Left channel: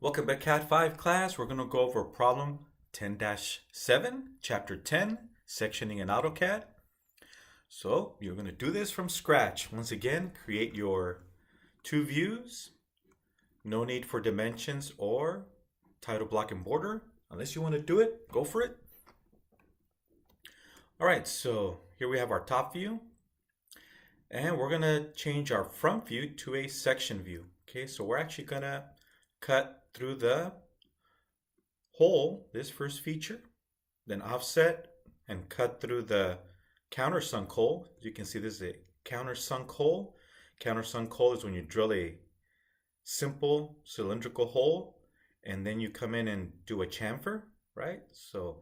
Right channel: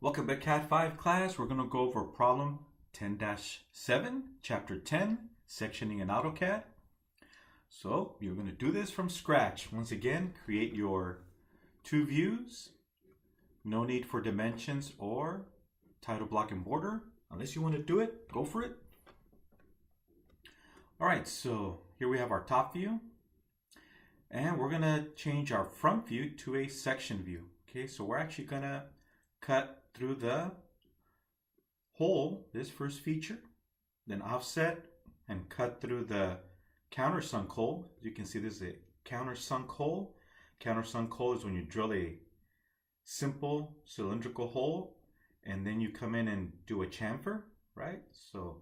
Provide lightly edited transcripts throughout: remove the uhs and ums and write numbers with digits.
Welcome back, Cat 5 class. We're going to go over problem 10-7, chapter 10, sectioning in AutoCAD. So you're going to do this from scratch. Once again, create your two views. No need for dimensions or title block and border. Unless you want to do it, go for it. All right, so here we have our top view. And we're going to change our front view to a section view. Okay, so we're actually going to cut through the hole, this first feature, then offset and cut through the countersunk hole. As you can see, this is a countersunk hole. Countersunk hole is when you drill a simple cylindrical hole and then you come in and do a chamfer, right? So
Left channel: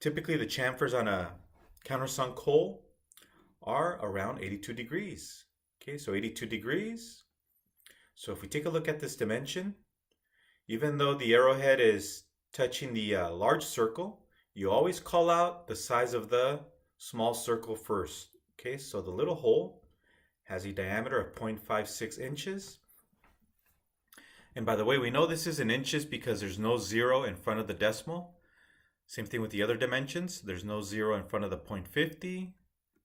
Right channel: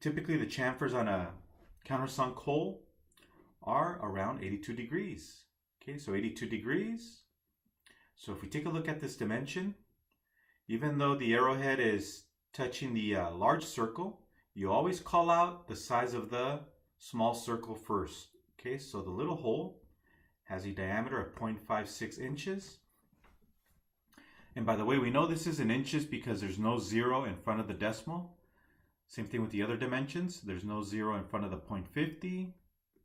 typically the chamfers on a countersunk hole are around 82 degrees. Okay, so 82 degrees. So if we take a look at this dimension, even though the arrowhead is touching the large circle, you always call out the size of the small circle first. Okay, so the little hole has a diameter of 0.56 inches. And by the way, we know this is in inches because there's no zero in front of the decimal. Same thing with the other dimensions. There's no zero in front of the 0.50,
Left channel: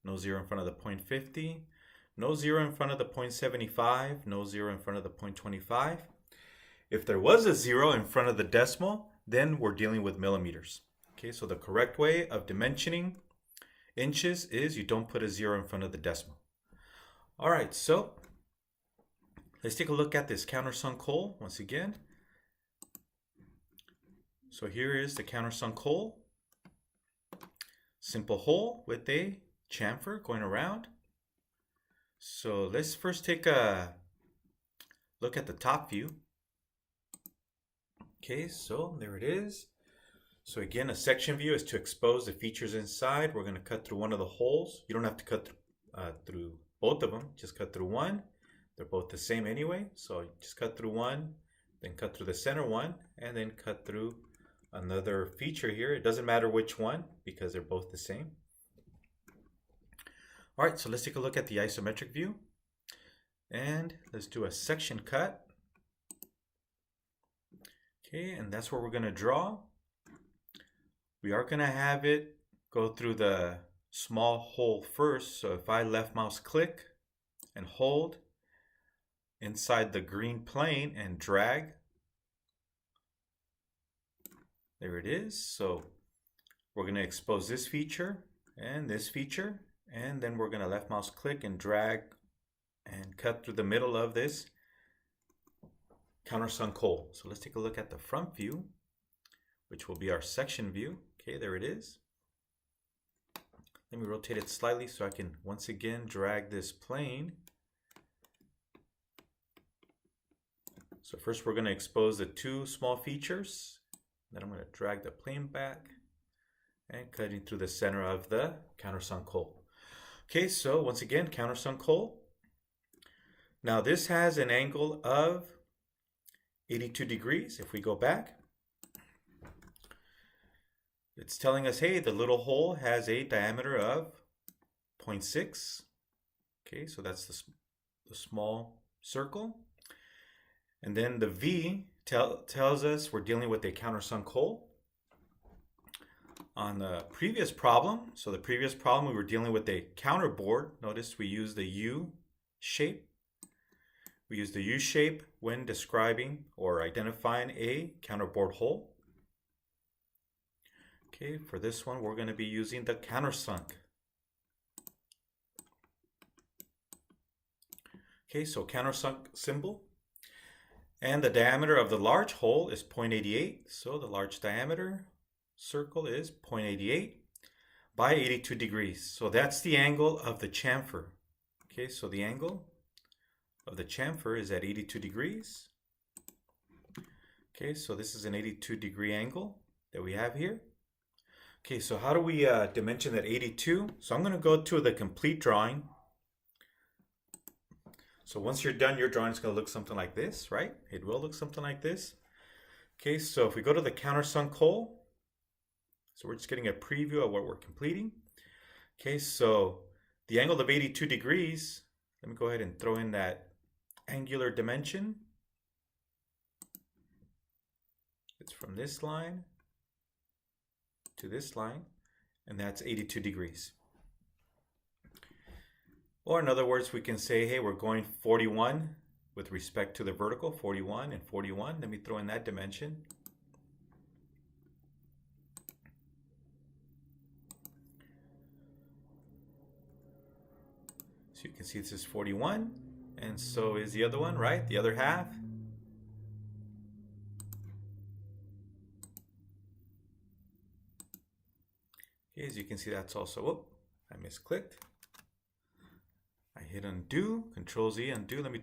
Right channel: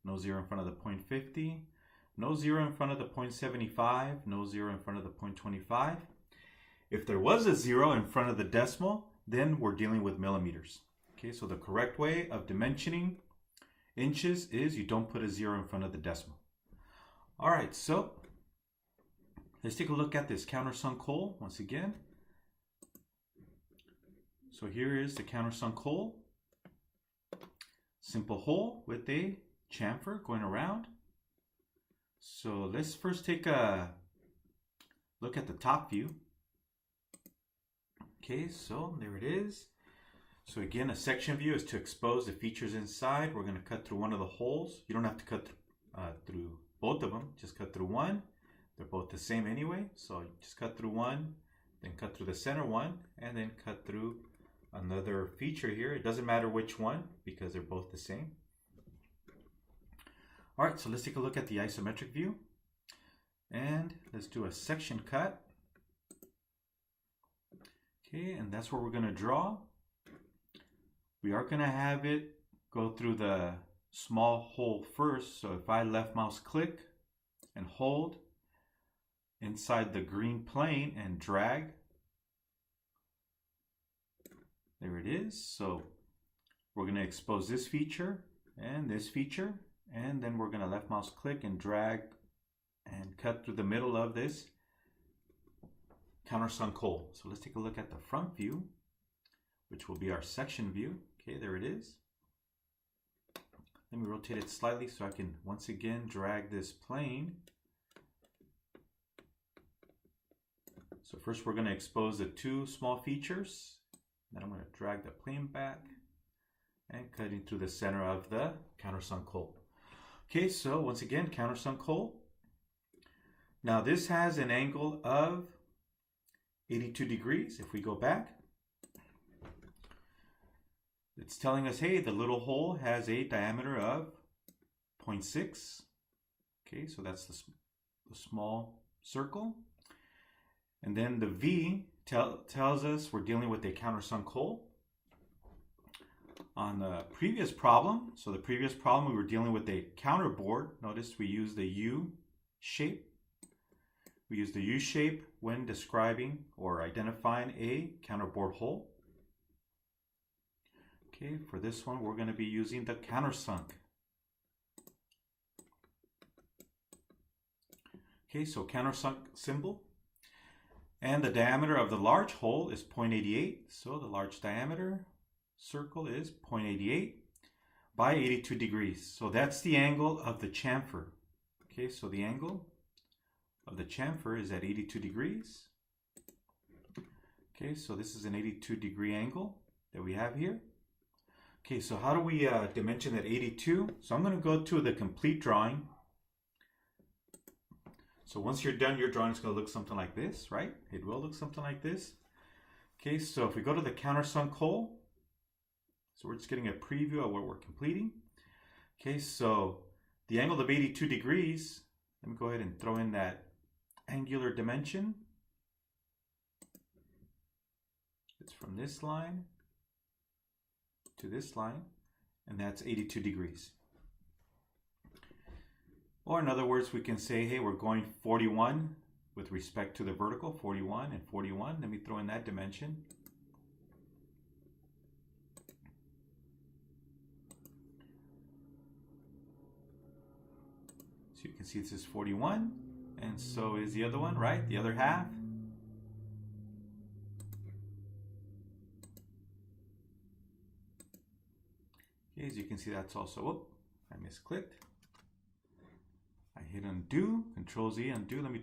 no zero in front of the 0.50. No zero in front of the 0.75, no zero in front of the 0.25. If there was a zero in front of the decimal, then we're dealing with millimeters. Okay, so the correct way of dimensioning inches is you don't put a zero in front of the decimal. All right, so let's take a look at this countersunk hole once again. So here is the countersunk hole. Simple hole with a chamfer going around. So let's first take a look at the top view. Okay, so there it is. So again, a section view is to expose the features inside. We're going to cut through one of the holes. You don't have to cut through both of them. Just cut through one. They're both the same anyway. So just cut through one, then cut through the center one, and then cut through another feature here. It doesn't matter which one because they're both the same. All right, so let's take a look at the isometric view. And let's do a section cut. Okay, and that's where we're going to draw. We are going to have it go through the small hole first. So if I left mouse click and hold inside the green plane and drag, there it is. So we're going to expose this feature and this feature. And then we're going to left mouse click and drag and cut through the middle of this countersunk hole. So let's take a look at the front view, which will be our section view. Okay, there it is. Let me rotate it slightly so I can once again drag this plane. So first we're going to expose the two small features. Then I'm going to drag the plane back and cutting through the center of the countersunk hole. Okay, so once again, countersunk hole. Now this has an angle of 82 degrees. If we go back, it's telling us, hey, the little hole has a diameter of 0.6. Okay, so that's the small circle. And then the V tells us we're dealing with a countersunk hole. On the previous problem, so the previous problem we were dealing with a counterboard. Notice we use the U shape. We use the U shape when describing or identifying a counterboard hole. Okay, for this one we're going to be using the countersunk. Okay, so countersunk symbol. And the diameter of the large hole is 0.88. So the large diameter circle is 0.88 by 82 degrees. So that's the angle of the chamfer. Okay, so the angle of the chamfer is at 82 degrees. Okay, so this is an 82 degree angle that we have here. Okay, so how do we dimension that 82? So I'm going to go to the complete drawing. So once you're done, your drawing is going to look something like this, right? It will look something like this. Okay, so if we go to the countersunk hole, so we're just getting a preview of what we're completing. Okay, so the angle of 82 degrees, let me go ahead and throw in that angular dimension. from this line to this line, and that's 82 degrees. Or in other words, we can say, hey, we're going 41 with respect to the vertical, 41 and 41. Let me throw in that dimension. So you can see this is 41, and so is the other one, right? The other half. Okay, as you can see, that's also, whoop, I misclicked. I hit undo, Control Z, undo. Let me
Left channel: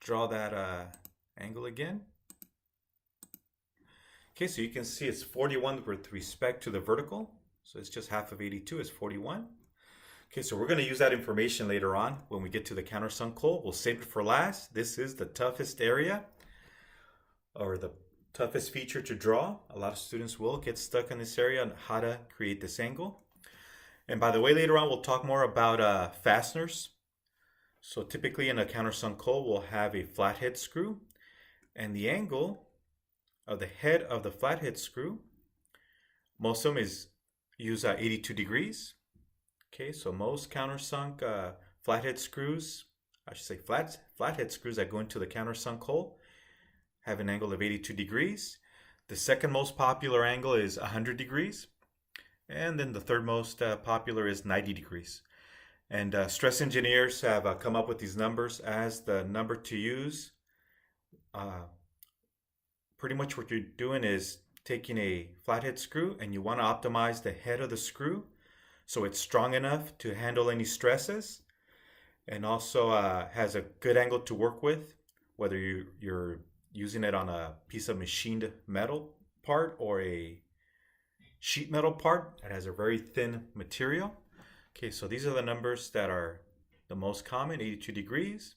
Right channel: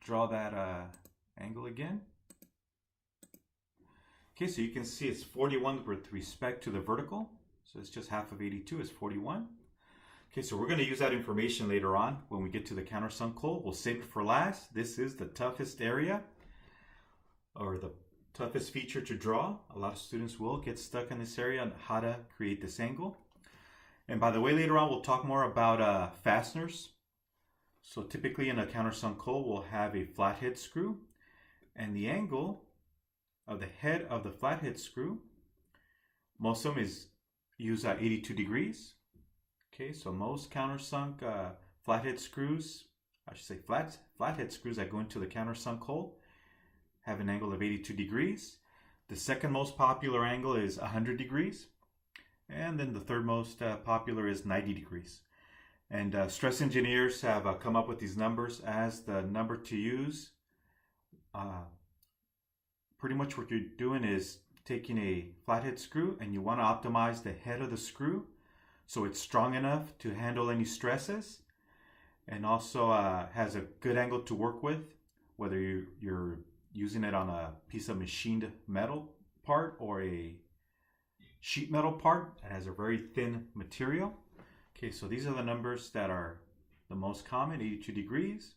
draw that angle again. Okay, so you can see it's 41 with respect to the vertical. So it's just half of 82 is 41. Okay, so we're going to use that information later on when we get to the countersunk hole. We'll save it for last. This is the toughest area, or the toughest feature to draw. A lot of students will get stuck in this area on how to create this angle. And by the way, later on we'll talk more about fasteners. So typically in a countersunk hole, we'll have a flathead screw, and the angle of the head of the flathead screw, most of them use 82 degrees. Okay, so most countersunk flathead screws, I should say flathead screws that go into the countersunk hole have an angle of 82 degrees. The second most popular angle is 100 degrees. And then the third most popular is 90 degrees. And stress engineers have come up with these numbers as the number to use. Pretty much what you're doing is taking a flathead screw and you want to optimize the head of the screw so it's strong enough to handle any stresses, and also has a good angle to work with, whether you're using it on a piece of machined metal part or a sheet metal part that has a very thin material. Okay, so these are the numbers that are the most common. 82 degrees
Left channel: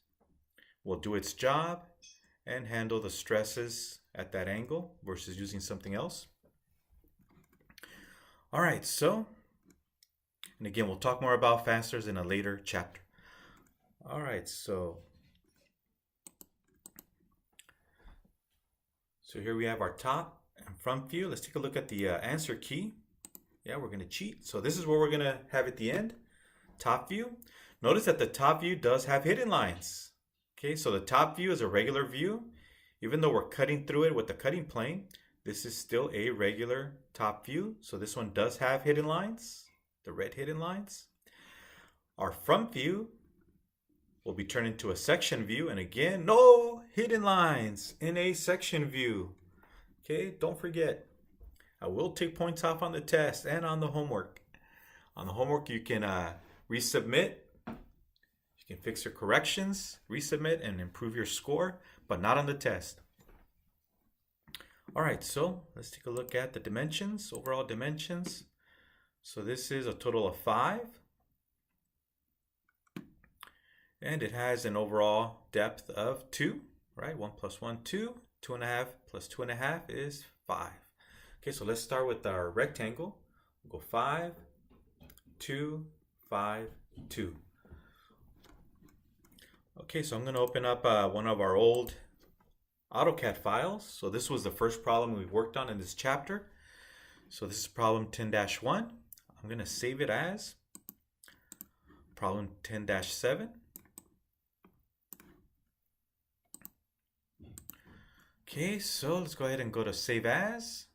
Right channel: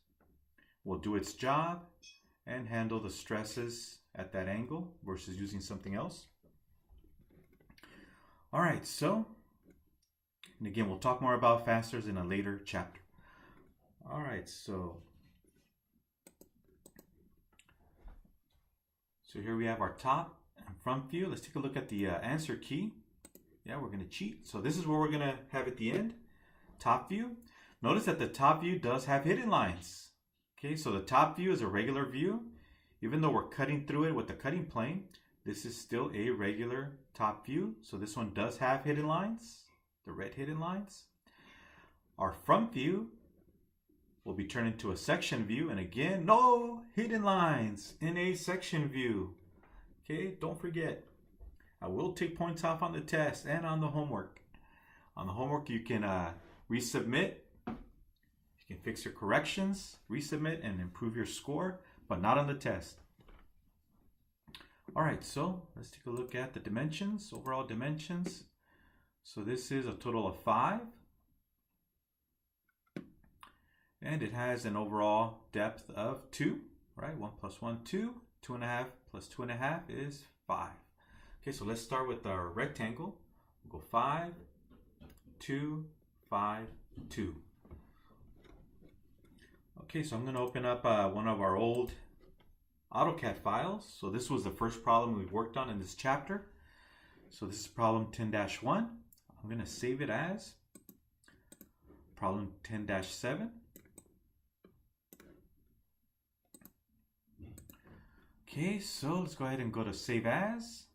will do its job and handle the stresses at that angle versus using something else. All right, so, and again, we'll talk more about fasteners in a later chapter. All right, so here we have our top and front view. Let's take a look at the answer key. Yeah, we're going to cheat. So this is what we're going to have at the end. Top view. Notice that the top view does have hidden lines. Okay, so the top view is a regular view. Even though we're cutting through it with the cutting plane, this is still a regular top view. So this one does have hidden lines, the red hidden lines. Our front view will be turned into a section view, and again, no hidden lines in a section view. Okay, don't forget, I will take points off on the test and on the homework. On the homework, you can resubmit, you can fix your corrections, resubmit, and improve your score, but not on the test. All right, so let's take a look at the dimensions, overall dimensions. So this is a total of 5. And it has an overall depth of 2, right? 1 plus 1, 2. 2.5 plus 2.5 is 5. Okay, so let's start with our rectangle. We'll go 5, 2, 5, 2. Okay, so I'm going to open up one of our old AutoCAD files. So this was the first problem we worked on in this chapter. So this is problem 10-1. I'm going to save it as problem 10-7. Okay, so let's go ahead and go to Save As.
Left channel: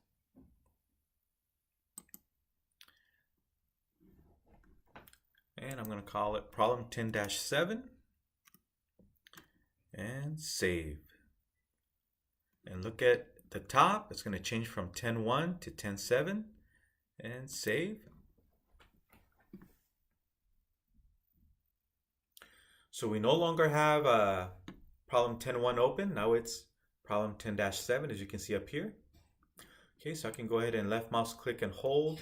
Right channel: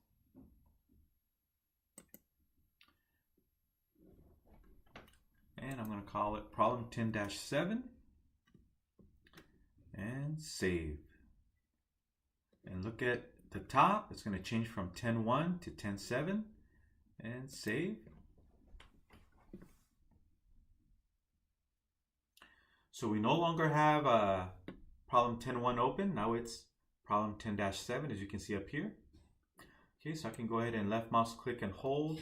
And I'm going to call it problem 10-7. And save. And look at the top. It's going to change from 10-1 to 10-7. And save. So we no longer have problem 10-1 open. Now it's problem 10-7, as you can see up here. Okay, so I can go ahead and left mouse click and hold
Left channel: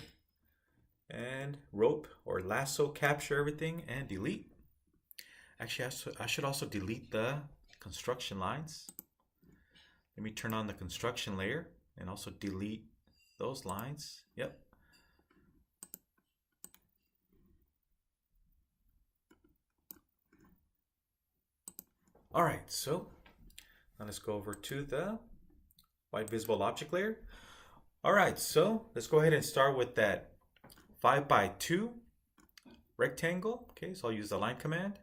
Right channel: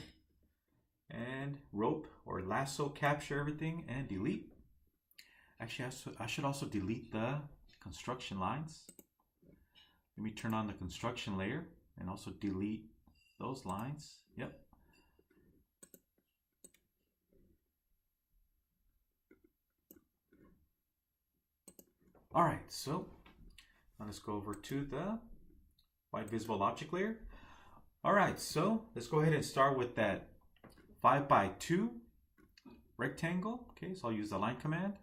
and rope or lasso capture everything and delete. Actually, I should also delete the construction lines. Let me turn on the construction layer and also delete those lines. Yep. All right, so now let's go over to the white visible object layer. All right, so let's go ahead and start with that 5x2 rectangle. Okay, so I'll use the line command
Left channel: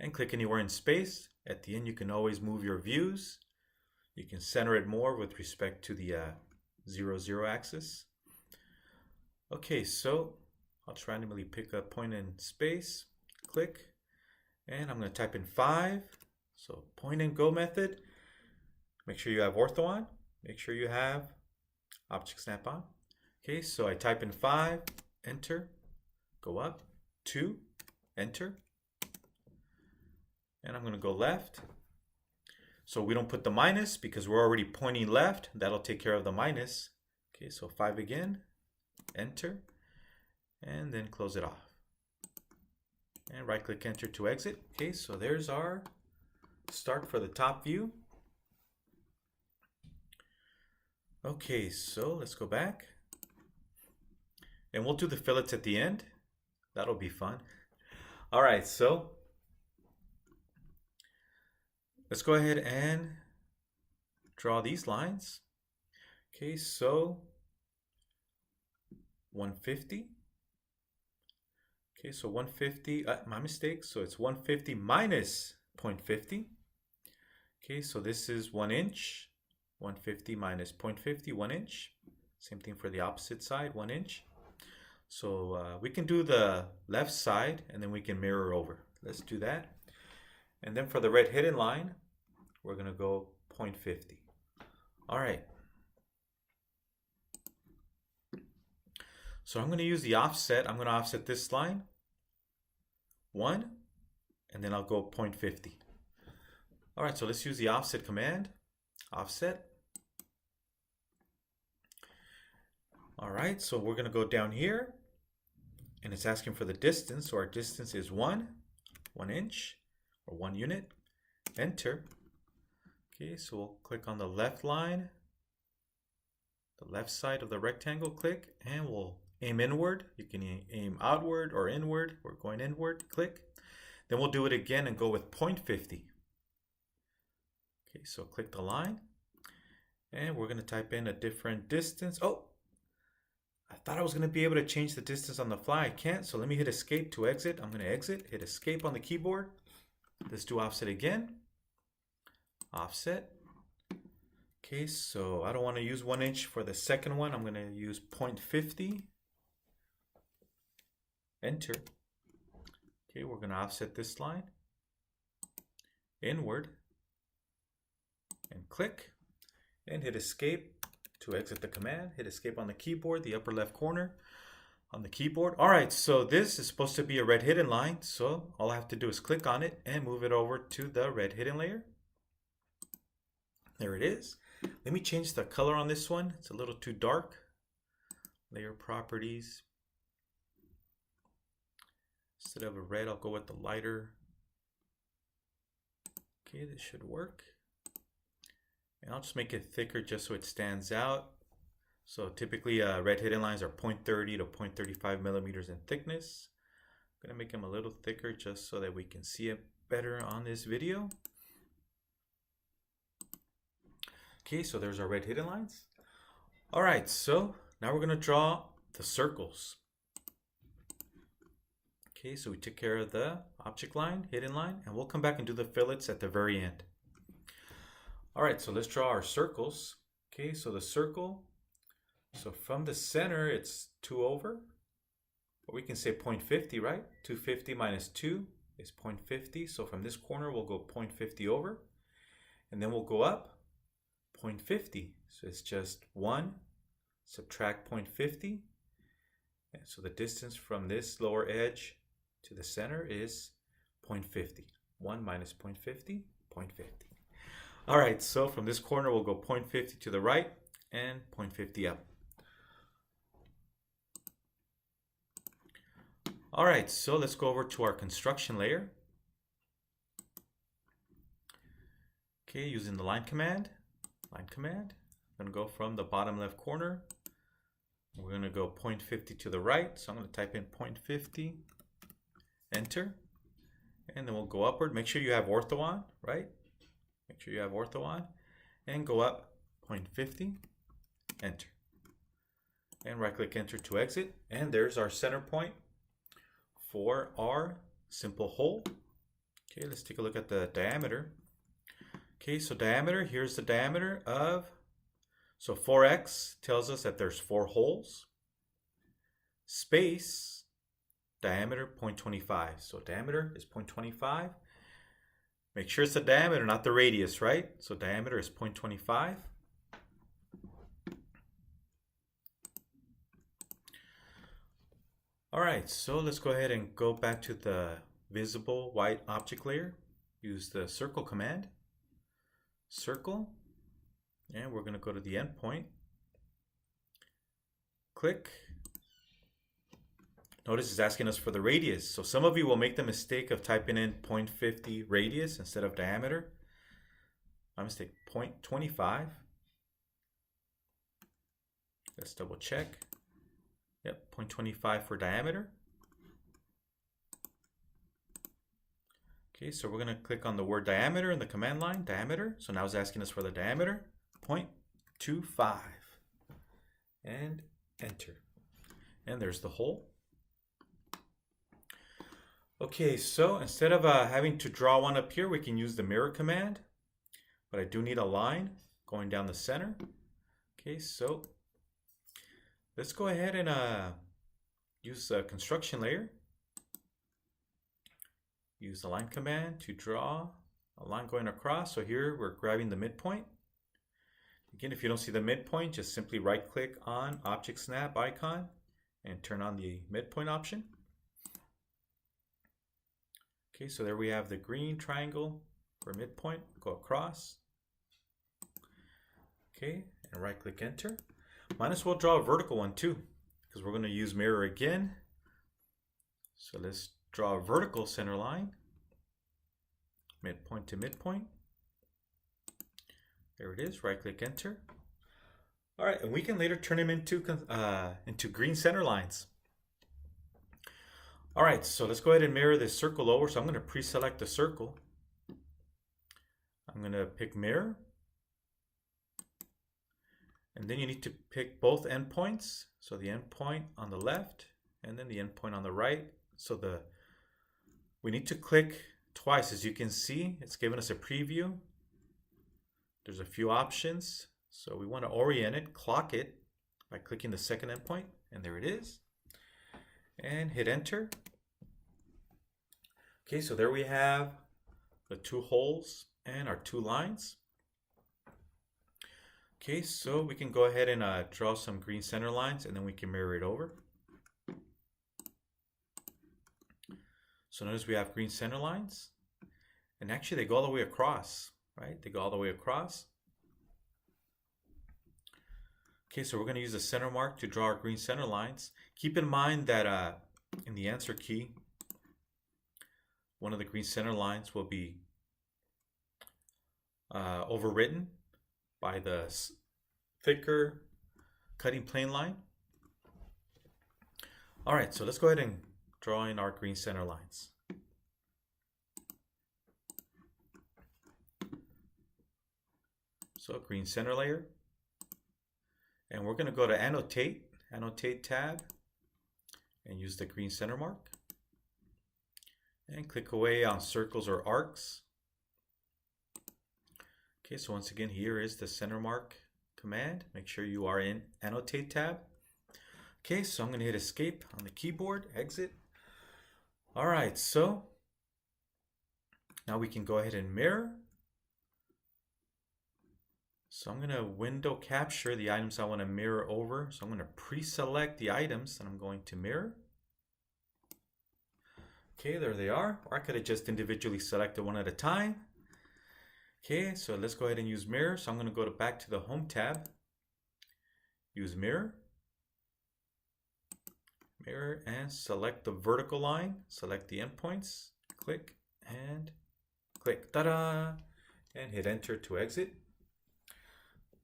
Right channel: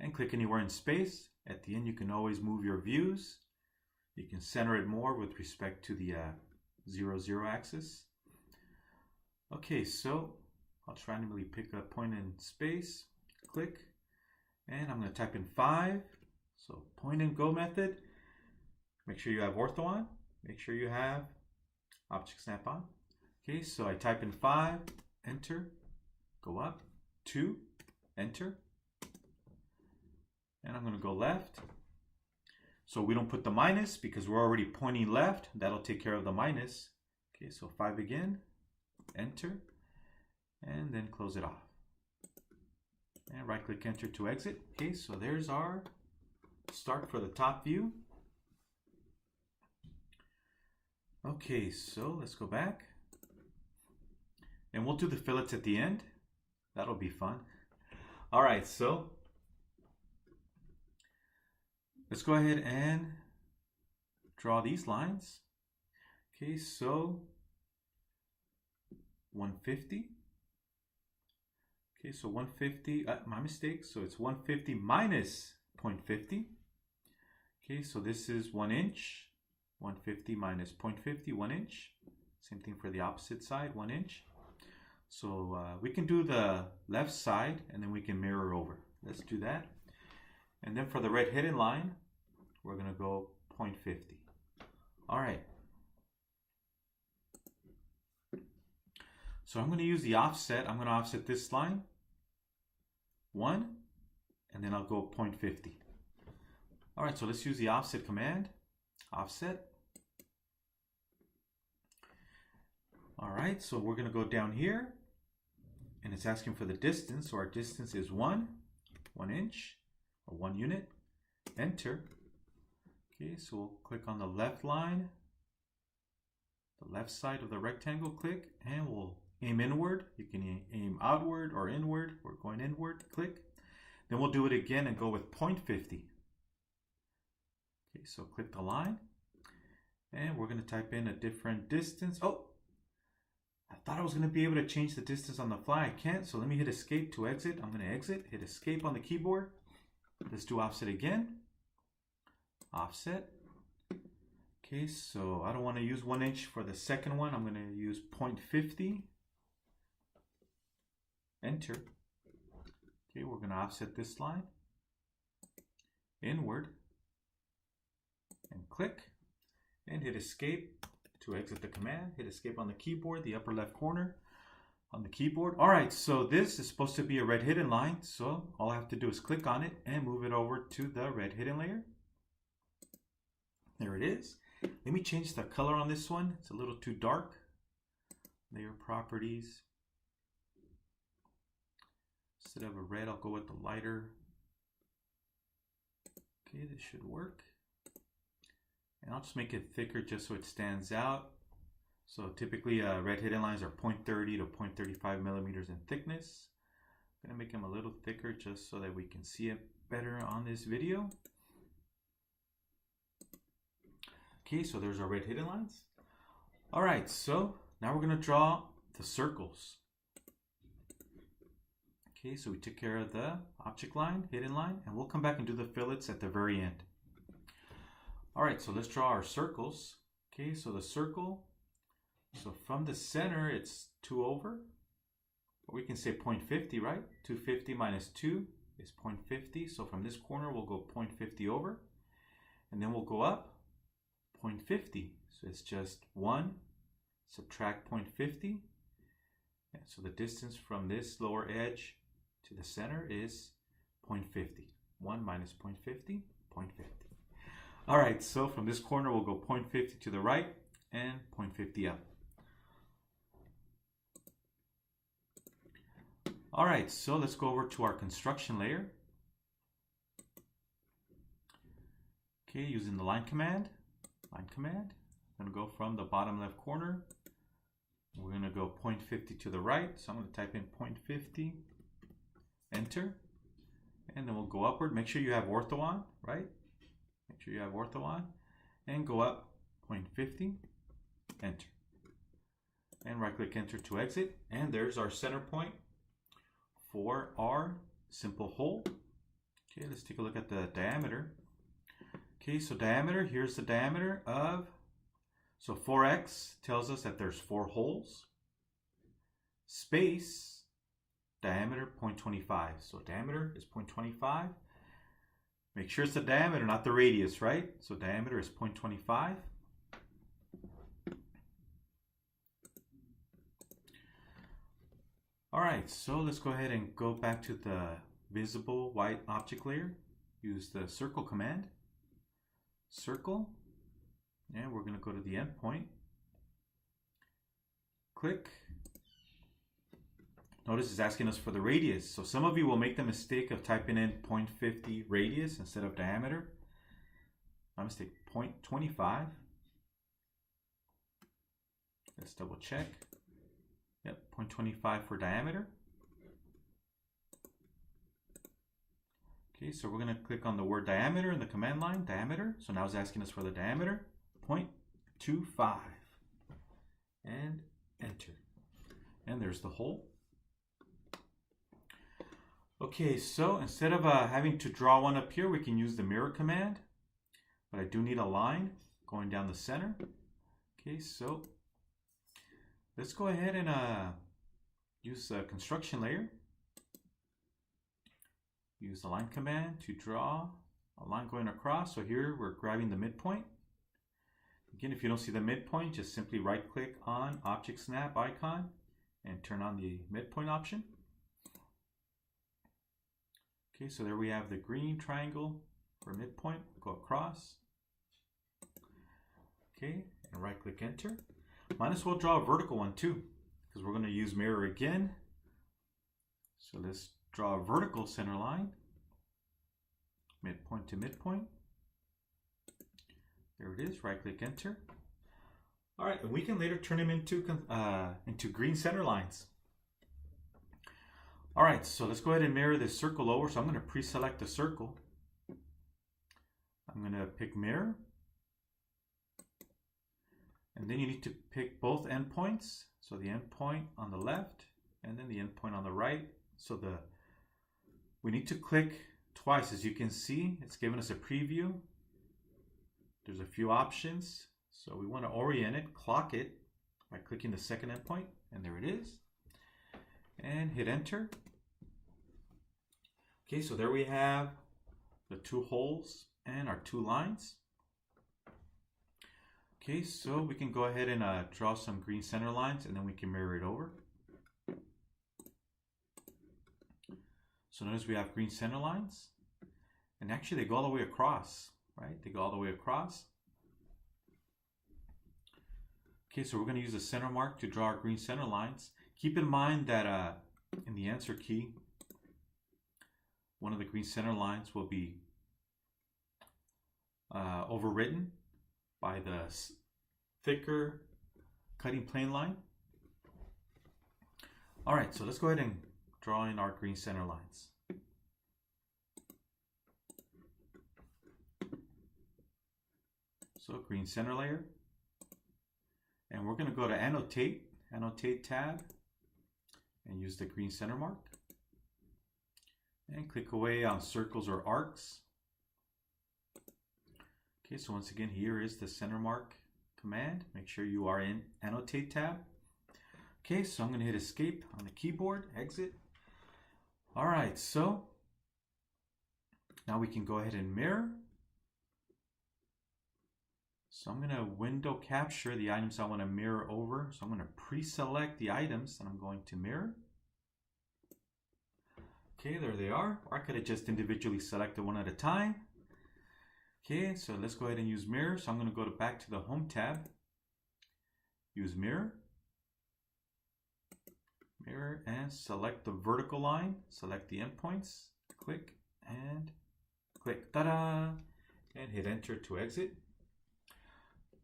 and click anywhere in space. At the end, you can always move your views. You can center it more with respect to the 0, 0 axis. Okay, so I'll just randomly pick a point in space, click, and I'm going to type in 5. So point and go method. Make sure you have ortho on. Make sure you have object snap on. Okay, so I type in 5, enter, go up, 2, enter, and I'm going to go left. So we don't put the minus because we're already pointing left. That'll take care of the minus. Okay, so 5 again, enter, and then close it off. And right click enter to exit. Okay, so there's our start for the top view. Okay, so let's go back. And we'll do the fillets at the end. That'll be fun. All right, so let's go ahead and draw these lines. Okay, so 150. Okay, so 150, my mistake. So it's 150 minus 0.50. Okay, so this is 1 inch. 150 minus 0.50, 1 inch. Same thing for the opposite side, 1 inch. So we can do the left side and then we can mirror over. Let's do that. And then for the red hidden line, we're going to go 0.50. All right. So I'm going to use the offset. I'm going to offset this line 1, and then I'll go 0.50. All right, so let's use the offset command. Offset. All right, so we're going to go down here, and it's asking for the distance. So our distance is 1 inch, or 1 unit. Enter. Okay, so we'll click on the left line, the left side of the rectangle, click, and we'll aim inward. You can aim outward or inward. We're going inward, click. Then we'll do it again and go with 0.50. Okay, so click the line, and we're going to type in a different distance. Oh, I thought I was going to be able to change the distance on the fly. I can't, so let me hit escape to exit. I'm going to exit, hit escape on the keyboard. Let's do offset again. Offset. Okay, so I don't want to use 1 inch for the second one. I'm going to use 0.50. Enter. Okay, we're going to offset this line inward and click and hit escape to exit the command. Hit escape on the keyboard, the upper left corner on the keyboard. All right, so this is supposed to be a red hidden line. So all I have to do is click on it and move it over to the red hidden layer. There it is. Let me change the color on this one. It's a little too dark. Layer properties. Instead of a red, I'll go with the lighter. Okay, this should work. And I'll just make it thicker just so it stands out. So typically red hidden lines are 0.30 to 0.35 millimeters in thickness. I'm gonna make them a little thicker just so that we can see it better on this video. Okay, so there's our red hidden lines. All right, so now we're gonna draw the circles. Okay, so we took care of the object line, hidden line, and we'll come back and do the fillets at the very end. All right, so let's draw our circles. Okay, so the circle, so from the center, it's 2 over. But we can say 0.50, right? 250 minus 2 is 0.50. So from this corner, we'll go 0.50 over. And then we'll go up 0.50. So it's just 1, subtract 0.50. And so the distance from this lower edge to the center is 0.50. 1 minus 0.50, 0.50. All right, so from this corner, we'll go 0.50 to the right and 0.50 up. All right, so let's go over to our construction layer. Okay, using the line command. I'm gonna go from the bottom left corner. We're gonna go 0.50 to the right. So I'm gonna type in 0.50, enter, and then we'll go upward. Make sure you have ortho on, right? Make sure you have ortho on. and go up 0.50, enter. And right click enter to exit. And there's our center point for our simple hole. Okay, let's take a look at the diameter. Okay, so diameter, here's the diameter of, so 4x tells us that there's 4 holes. Space, diameter 0.25. So diameter is 0.25. Make sure it's the diameter, not the radius, right? So diameter is 0.25. All right, so let's go ahead and go back to the visible white object layer. Use the circle command. Circle. And we're going to go to the endpoint. Click. Notice it's asking us for the radius. So some of you will make the mistake of typing in 0.50 radius instead of diameter. My mistake, 0.25. Let's double check. Yep, 0.25 for diameter. Okay, so we're going to click on the word diameter in the command line, diameter. So now it's asking us for the diameter, 0.25. And enter. And there's the hole. Okay, so instead of having to draw one up here, we can use the mirror command. But I do need a line going down the center. Okay, so let's go ahead and use the construction layer. Use the line command to draw a line going across. So here we're grabbing the midpoint. Again, if you don't see the midpoint, just simply right click on Object Snap icon and turn on the midpoint option. Okay, so there we have the green triangle for midpoint. Go across. Okay, and right click enter. Might as well draw a vertical one too, because we're going to use mirror again. So let's draw a vertical center line, midpoint to midpoint. There it is, right click enter. All right, and we can later turn them into green center lines. All right, so let's go ahead and mirror this circle over. So I'm going to pre-select the circle. I'm going to pick mirror. And then you need to pick both endpoints. So the endpoint on the left and then the endpoint on the right. So we need to click twice. As you can see, it's giving us a preview. There's a few options. So we want to orient it, clock it by clicking the second endpoint. And there it is. And hit enter. Okay, so there we have the 2 holes and our 2 lines. Okay, so we can go ahead and draw some green center lines and then we can mirror it over. So notice we have green center lines and actually they go all the way across, right? They go all the way across. Okay, so we're going to use the center mark to draw our green center lines. Keep in mind that in the answer key, one of the green center lines will be overwritten by the thicker cutting plane line. All right, so let's go ahead and draw in our green center lines. So green center layer. And we're going to go to annotate tab, and use the green center mark. And click away on circles or arcs. Okay, so once again, here is the center mark command. Make sure you are in Annotate tab. Okay, so I'm going to hit Escape on the keyboard, exit. All right, so now we can go ahead and mirror. So I'm going to window capture the items I want to mirror over. So I'm going to pre-select the items that I'm going to mirror. Okay, there they are. Or I could have just individually selected one at a time. Okay, so let's go ahead and use mirror. So I'm going to go back to the Home tab. Use mirror. Mirror and select the vertical line. Select the endpoints. Click and click. Ta-da! And hit enter to exit.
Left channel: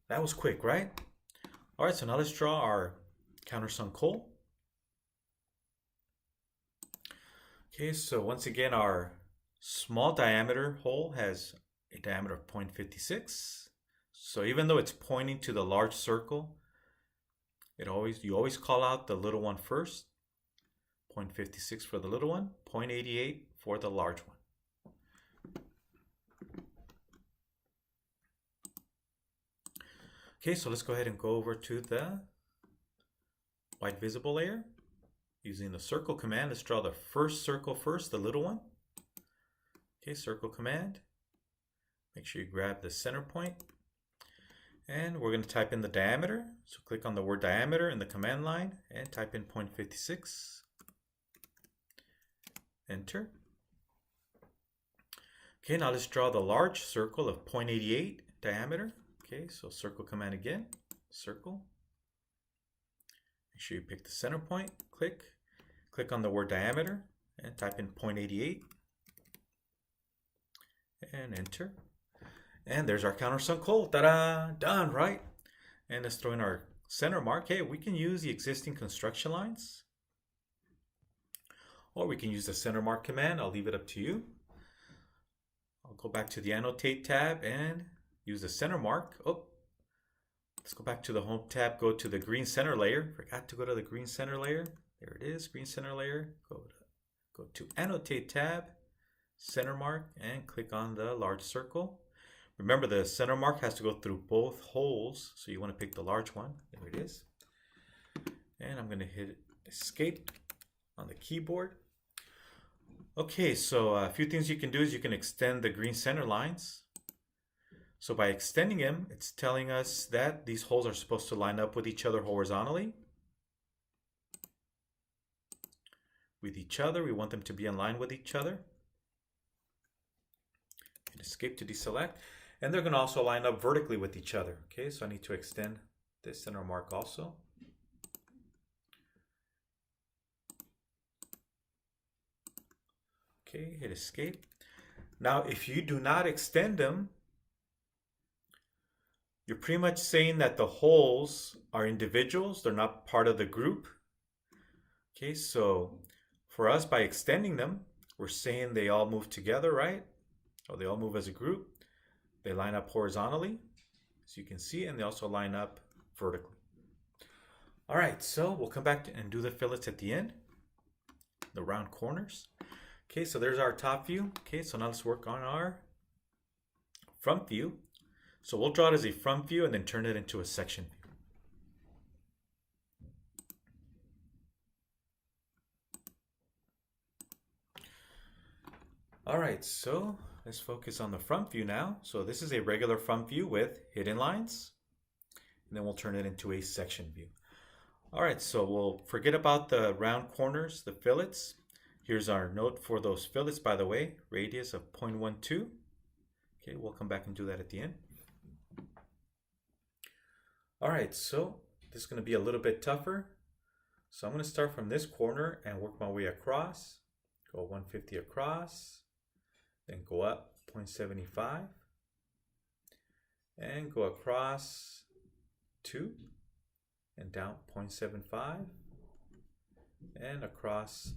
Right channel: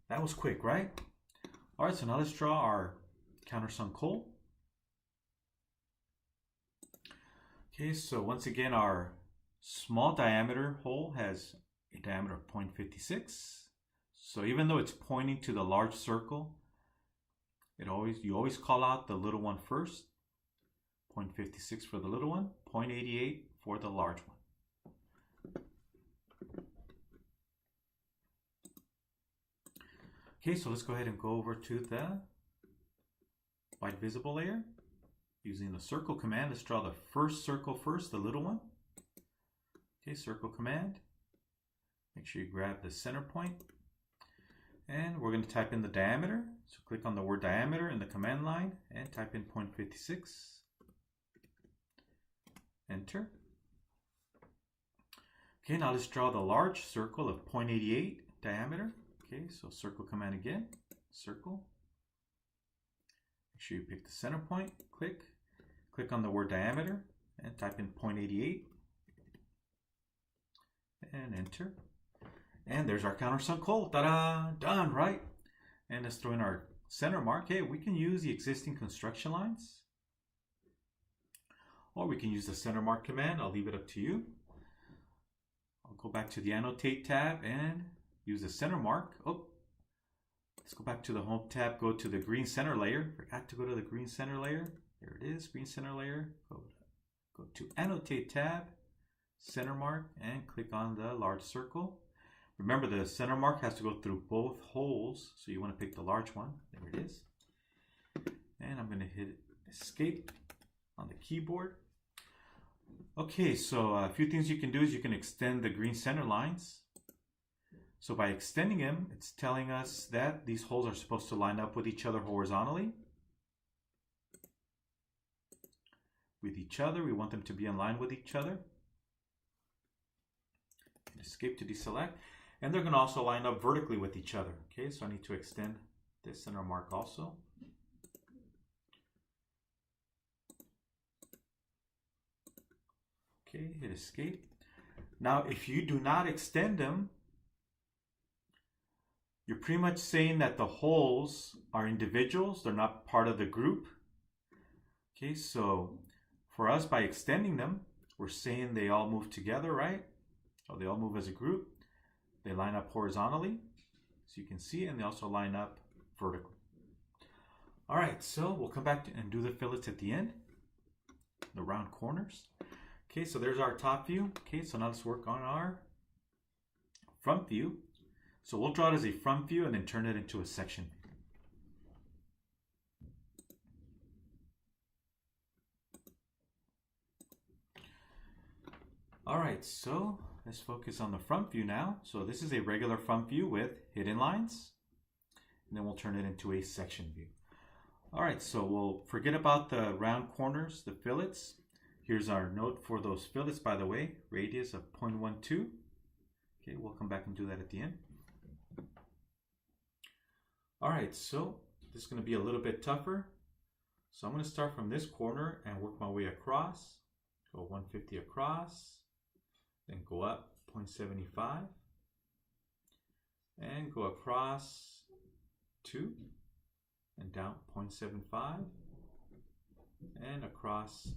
That was quick, right? All right, so now let's draw our countersunk hole. Okay, so once again, our small diameter hole has a diameter of 0.56. So even though it's pointing to the large circle, you always call out the little one first. 0.56 for the little one, 0.88 for the large one. Okay, so let's go ahead and go over to the white visible layer. Using the circle command, let's draw the first circle first, the little one. Okay, circle command. Make sure you grab the center point. And we're going to type in the diameter. So click on the word diameter in the command line and type in 0.56. Enter. Okay, now let's draw the large circle of 0.88 diameter. Okay, so circle command again, circle. Make sure you pick the center point, click on the word diameter and type in 0.88 and enter. And there's our countersunk hole. Ta-da! Done, right? And let's throw in our center mark. Hey, we can use the existing construction lines, or we can use the center mark command. I'll leave it up to you. I'll go back to the annotate tab and use the center mark. Oh, let's go back to the home tab, go to the green center layer. Forgot to go to the green center layer. There it is, green center layer. Go to annotate tab, center mark, and click on the large circle. Remember, the center mark has to go through both holes, so you want to pick the large one. There it is. And I'm going to hit escape on the keyboard. Okay, so a few things you can do is you can extend the green center lines. So by extending them, it's telling us that these holes are supposed to line up with each other horizontally. With each other, we want them to be in line with each other. Hit escape to deselect. And they're going to also line up vertically with each other. Okay, so I need to extend this center mark also. Okay, hit escape. Now, if you do not extend them, you're pretty much saying that the holes are individuals. They're not part of the group. Okay, so for us, by extending them, we're saying they all move together, right? Or they all move as a group. They line up horizontally, as you can see, and they also line up vertically. All right, so we'll come back and do the fillets at the end, the round corners. Okay, so there's our top view. Okay, so now let's work on our front view. So we'll draw it as a front view and then turn it into a section view. All right, so let's focus on the front view now. So this is a regular front view with hidden lines, and then we'll turn it into a section view. All right, so we'll forget about the round corners, the fillets. Here's our note for those fillets, by the way, radius of 0.12. Okay, we'll come back and do that at the end. All right, so this is going to be a little bit tougher. So I'm going to start from this corner and work my way across. Go 150 across, then go up 0.75, and go across 2, and down 0.75, and across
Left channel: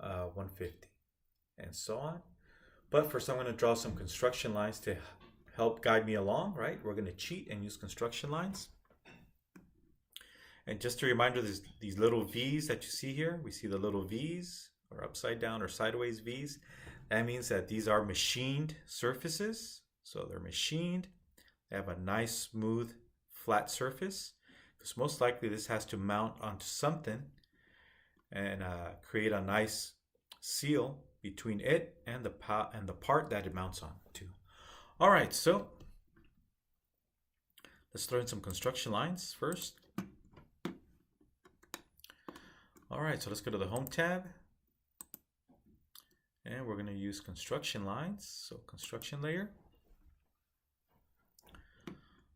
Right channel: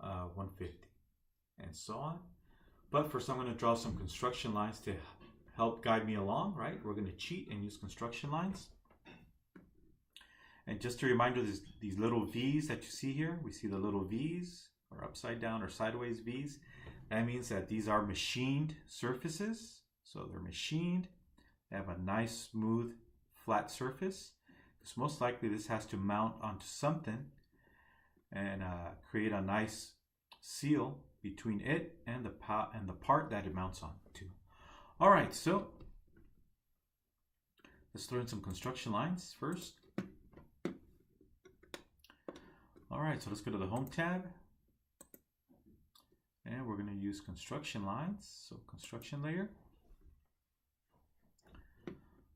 150, and so on. But first I'm going to draw some construction lines to help guide me along, right? We're going to cheat and use construction lines. And just a reminder, there's these little V's that you see here. We see the little V's, or upside down or sideways V's. That means that these are machined surfaces. So they're machined. They have a nice, smooth, flat surface. Because most likely this has to mount onto something and create a nice seal between it and the part that it mounts on to. All right, so let's throw in some construction lines first. All right, so let's go to the Home tab. And we're going to use construction lines, so construction layer.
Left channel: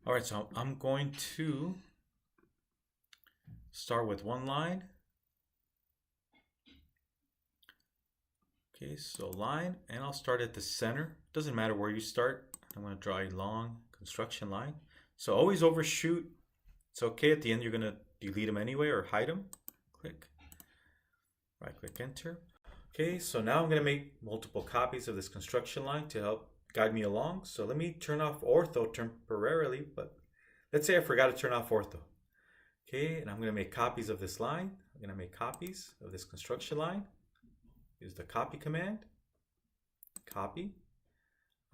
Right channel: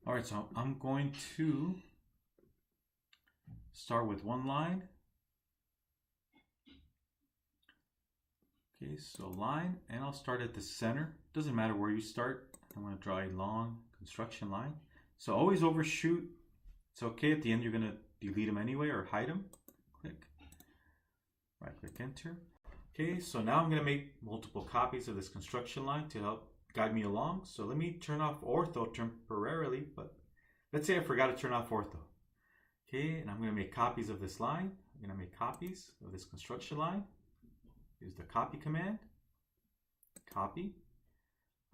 All right, so I'm going to start with one line. Okay, so line, and I'll start at the center. Doesn't matter where you start. I'm going to draw a long construction line. So always overshoot. It's okay. At the end, you're going to delete them anyway or hide them. Click. Right click, enter. Okay, so now I'm going to make multiple copies of this construction line to help guide me along. So let me turn off ortho temporarily, but let's say I forgot to turn off ortho. Okay, and I'm going to make copies of this line. I'm going to make copies of this construction line. Use the copy command. Copy.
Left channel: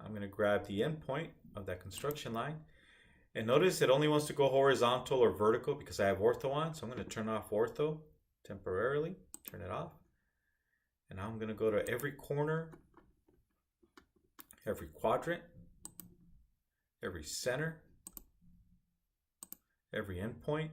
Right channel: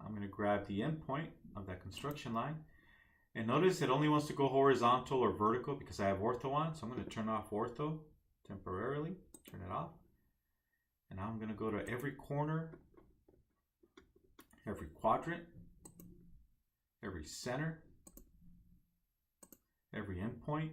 I'm going to grab the endpoint of that construction line. And notice it only wants to go horizontal or vertical because I have ortho on. So I'm going to turn off ortho temporarily. Turn it off. And now I'm going to go to every corner, every quadrant, every center, every endpoint.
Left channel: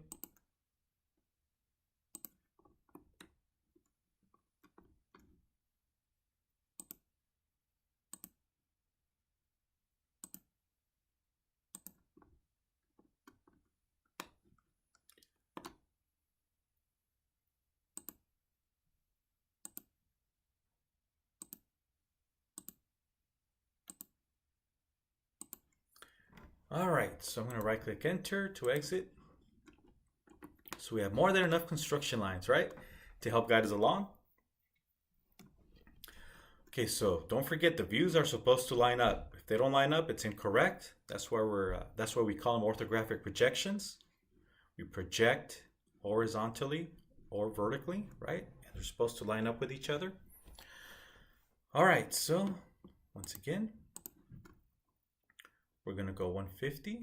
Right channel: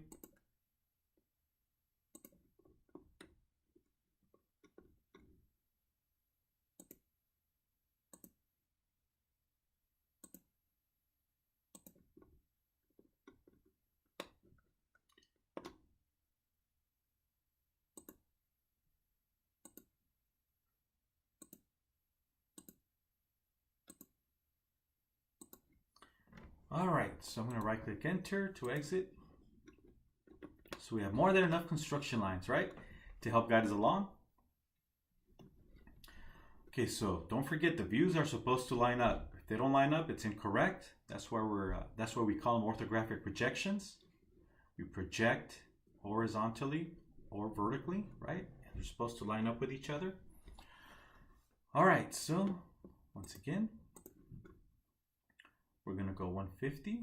All right, so I'm going to right click enter to exit. So we have more than enough construction lines, right, to help guide us along. Okay, so don't forget the views are supposed to line up. If they don't line up, it's incorrect. That's why we call them orthographic projections. We project horizontally or vertically, right? And they're supposed to line up with each other. All right, so once again, we're going to go 150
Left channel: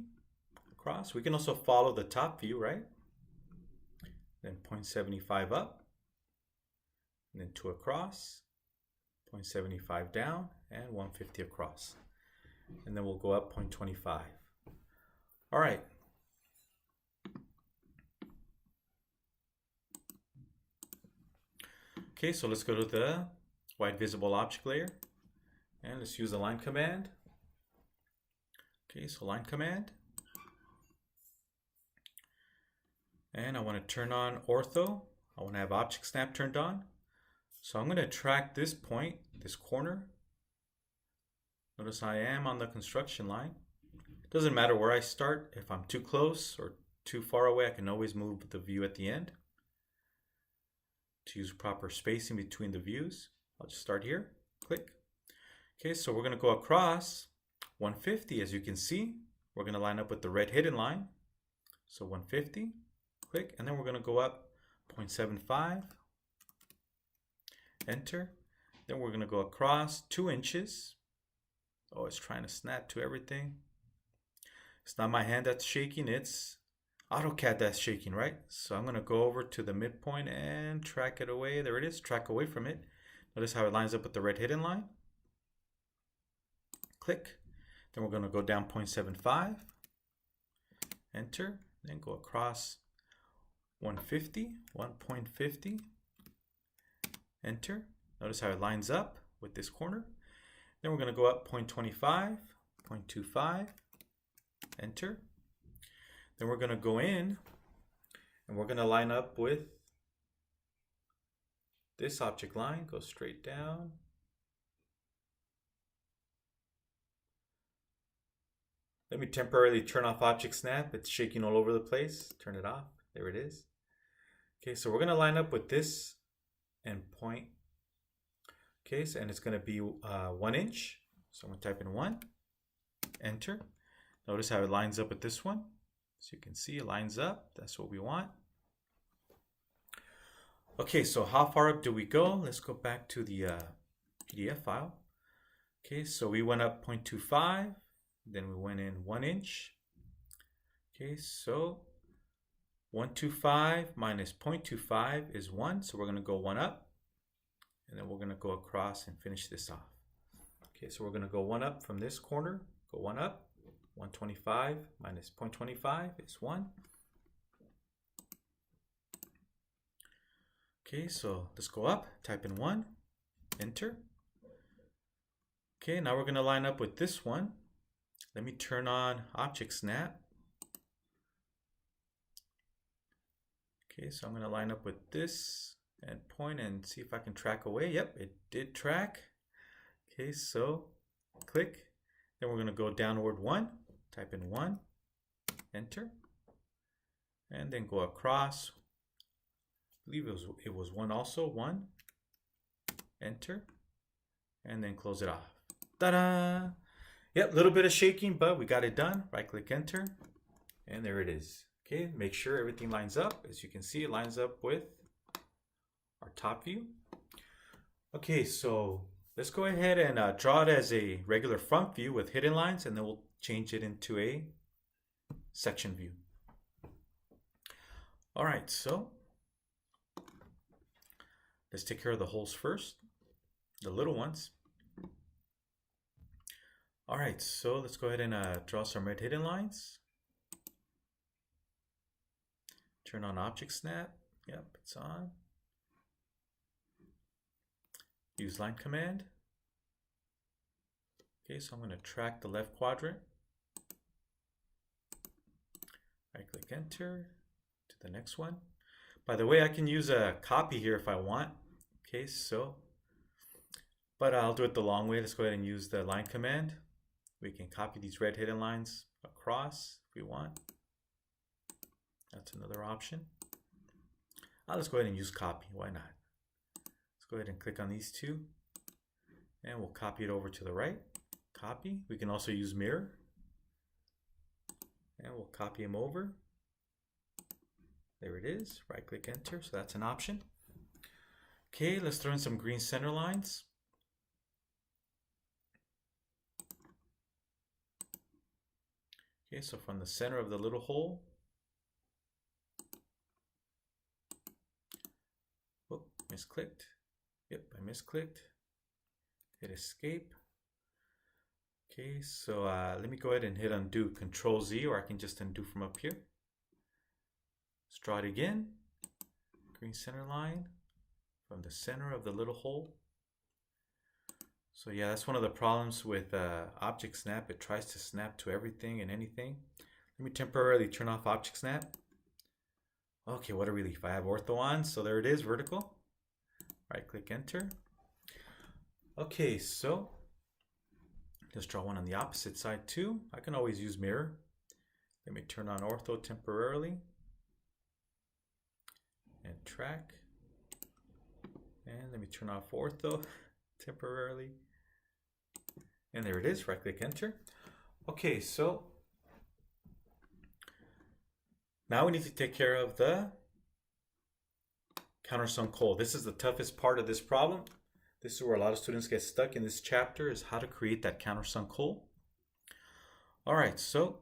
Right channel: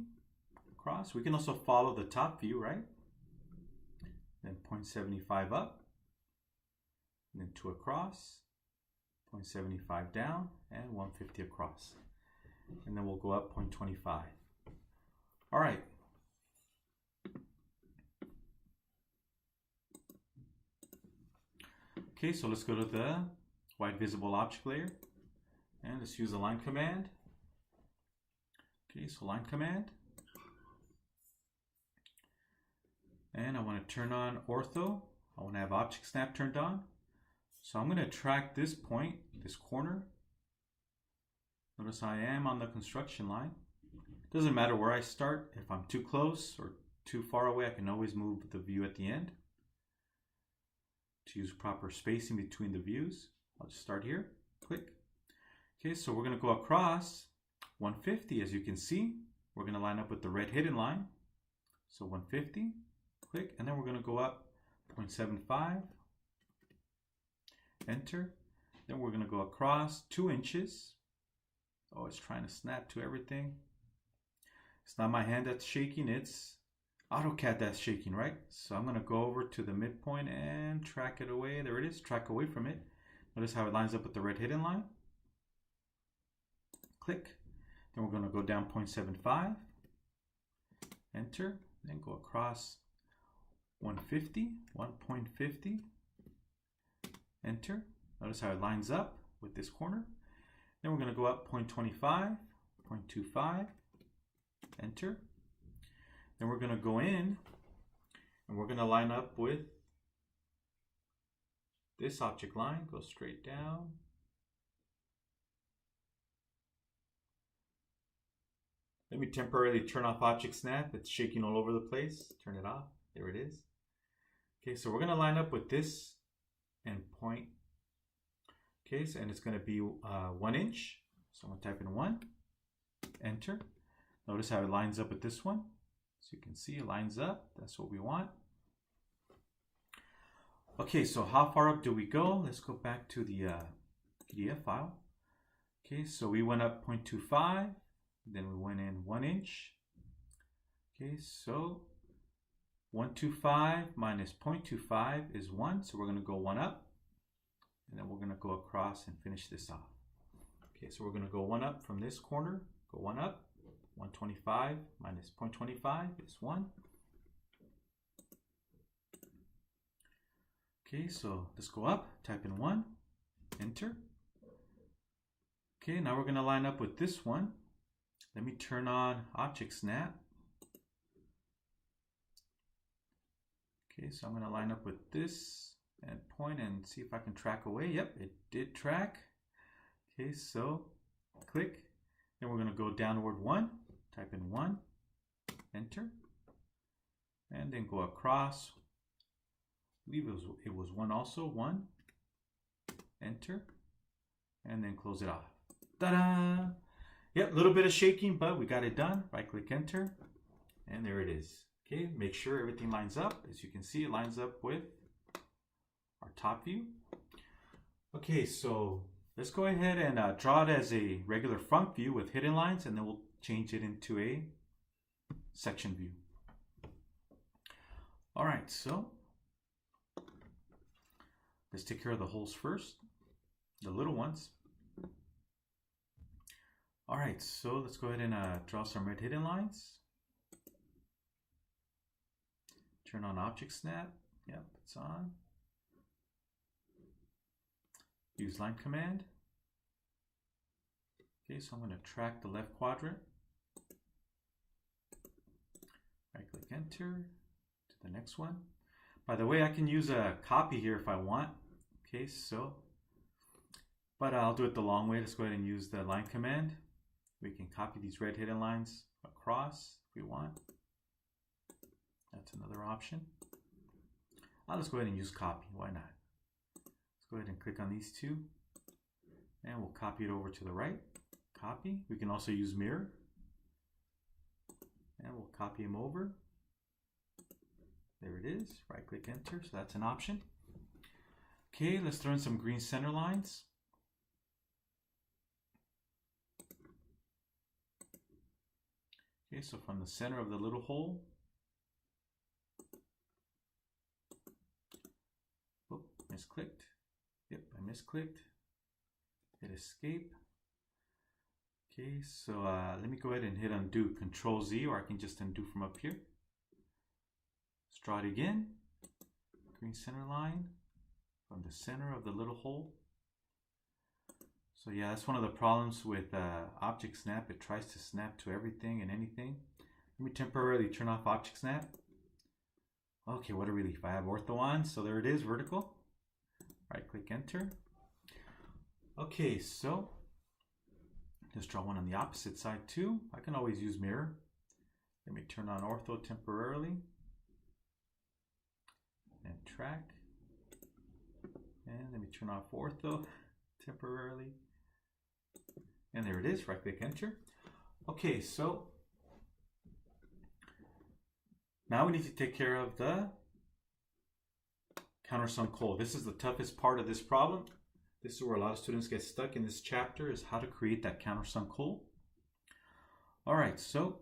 across. We can also follow the top view, right? Then 0.75 up, and then 2 across, 0.75 down, and 150 across. And then we'll go up 0.25. All right. Okay, so let's go to the white visible object layer, and let's use the line command. Okay, so line command. And I want to turn on ortho. I want to have object snap turned on. So I'm going to track this point, this corner. Notice I am on the construction line. It doesn't matter where I start. If I'm too close or too far away, I can always move the view at the end. To use proper spacing between the views, I'll just start here. Click. Okay, so we're going to go across 150, as you can see. We're going to line up with the red hidden line. So 150, click, and then we're going to go up 0.75, enter. Then we're going to go across 2 inches. Oh, it's trying to snap to everything. It's not my hand that's shaking, it's AutoCAD that's shaking, right? So I'm going to go over to the midpoint and track it away. There it is, track away from it. Notice how it lines up with the red hidden line. Click. Then we're going to go down 0.75, enter, then go across 150, 1.50, enter. Notice how it lines up with this corner. Then we're going to go up 0.25, 0.25, enter. Then we're going to go in and we're going to line up with this object line, go straight down. Let me temporarily turn off object snap. It's shaking all over the place. Turn it off. There it is. Okay, so we're going to line up with this endpoint. Okay, so, and it's going to be 1 inch. So I'm going to type in 1, enter. Notice how it lines up with this one. So you can see it lines up. That's what we want. Okay, so how far up do we go? Let's go back to the PDF file. Okay, so we went up 0.25. Then we went in 1 inch. Okay, so 125 minus 0.25 is 1. So we're going to go 1 up. And then we're going to go across and finish this off. Okay, so we're going to go 1 up from this corner. Go 1 up. 125 minus 0.25 is 1. Okay, so let's go up. Type in 1. Enter. Okay, now we're going to line up with this one. Let me turn on object snap. Okay, so I'm going to line up with this endpoint and see if I can track away. Yep, it did track. Okay, so click. Then we're going to go downward 1. Type in 1. Enter. And then go across. I believe it was 1 also. 1. Enter. And then close it off. Ta-da! Yep, a little bit of shaking, but we got it done. Right click enter, and there it is. Okay, make sure everything lines up. As you can see, it lines up with our top view. Okay, so let's go ahead and draw it as a regular front view with hidden lines, and then we'll change it into a section view. All right, so let's take care of the holes first, the little ones. All right, so let's go ahead and draw some red hidden lines. Turn on object snap. Yep, it's on. Use line command. Okay, so I'm going to track the left quadrant. Right click enter to the next one. By the way, I can use a copy here if I want. Okay, so, but I'll do it the long way. Let's go ahead and use the line command. We can copy these red hidden lines across if we want. That's another option. Let's go ahead and use copy. Why not? Let's go ahead and click on these two, and we'll copy it over to the right. Copy. We can also use mirror, and we'll copy them over. There it is. Right click enter. So that's an option. Okay, let's throw in some green center lines. Okay, so from the center of the little hole, oh, misclicked. Yep, I misclicked. Hit escape. Okay, so let me go ahead and hit undo. Control Z, or I can just undo from up here. Let's draw it again. Green center line from the center of the little hole. So yeah, that's one of the problems with object snap. It tries to snap to everything and anything. Let me temporarily turn off object snap. Okay, what a relief. I have ortho on, so there it is, vertical. Right click enter. Okay, so let's draw one on the opposite side too. I can always use mirror. Let me turn on ortho temporarily and track. And let me turn off ortho temporarily. And there it is, right click enter. Okay, so now we need to take care of the countersunk hole. This is the toughest part of this problem. This is where a lot of students get stuck in this chapter, is how to create that countersunk hole. All right, so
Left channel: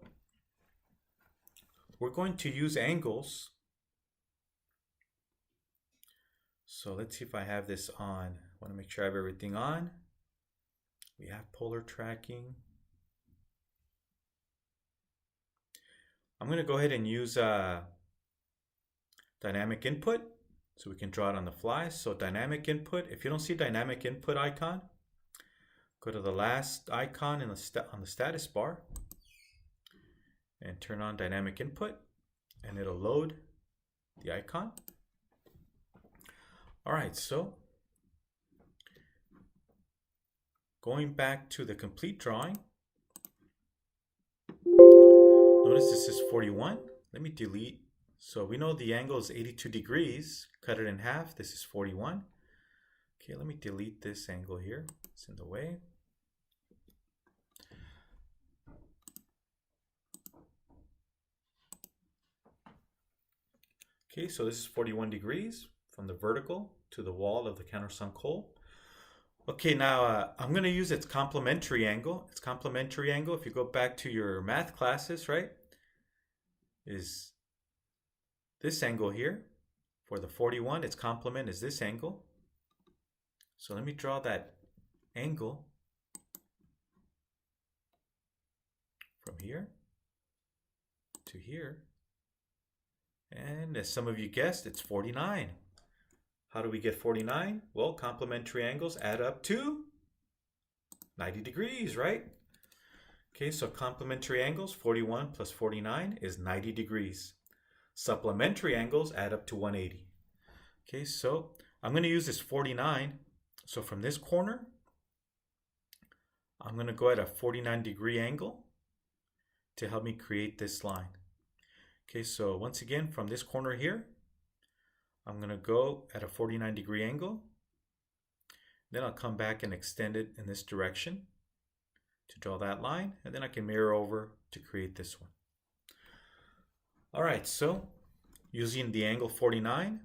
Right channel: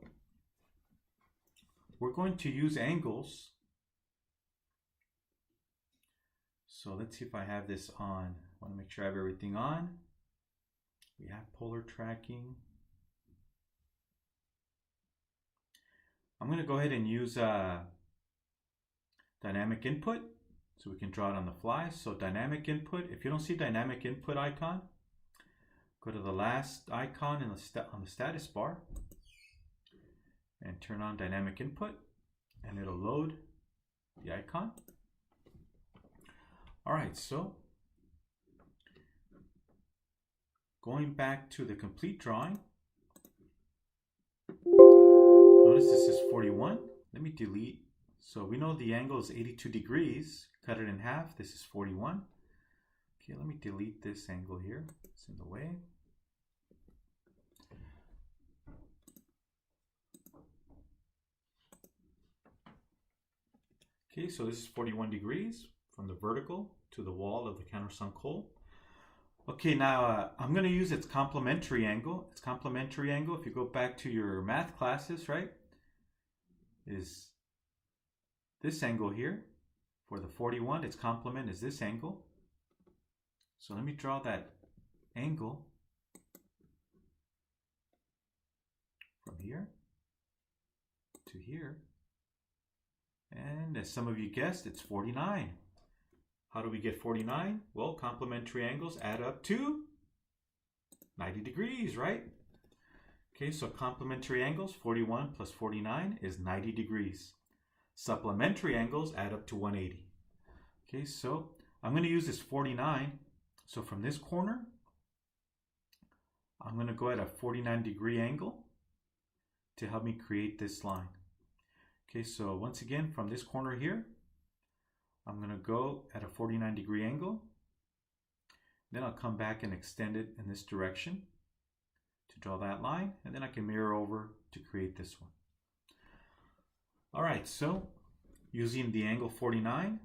we're going to use angles. So let's see if I have this on. I want to make sure I have everything on. We have polar tracking. I'm going to go ahead and use dynamic input so we can draw it on the fly. So dynamic input, if you don't see dynamic input icon, go to the last icon in on the status bar and turn on dynamic input, and it'll load the icon. All right, so going back to the complete drawing, notice this is 41. Let me delete. So we know the angle is 82 degrees. Cut it in half. This is 41. Okay, let me delete this angle here. It's in the way. Okay, so this is 41 degrees from the vertical to the wall of the countersunk hole. Okay, now I'm going to use its complementary angle. Its complementary angle, if you go back to your math classes, right, is this angle here. For the 41, its complement is this angle. So let me draw that angle from here to here. And as some of you guessed, it's 49. How do we get 49? Well, complementary angles add up to 90 degrees, right? Okay, so complementary angles, 41 plus 49 is 90 degrees. Supplementary angles add up to 180. Okay, so I'm going to use this 49. So from this corner, I'm going to go at a 49 degree angle to help me create this line. Okay, so once again, from this corner here, I'm going to go at a 49 degree angle. Then I'll come back and extend it in this direction to draw that line, and then I can mirror over to create this one. All right, so using the angle 49,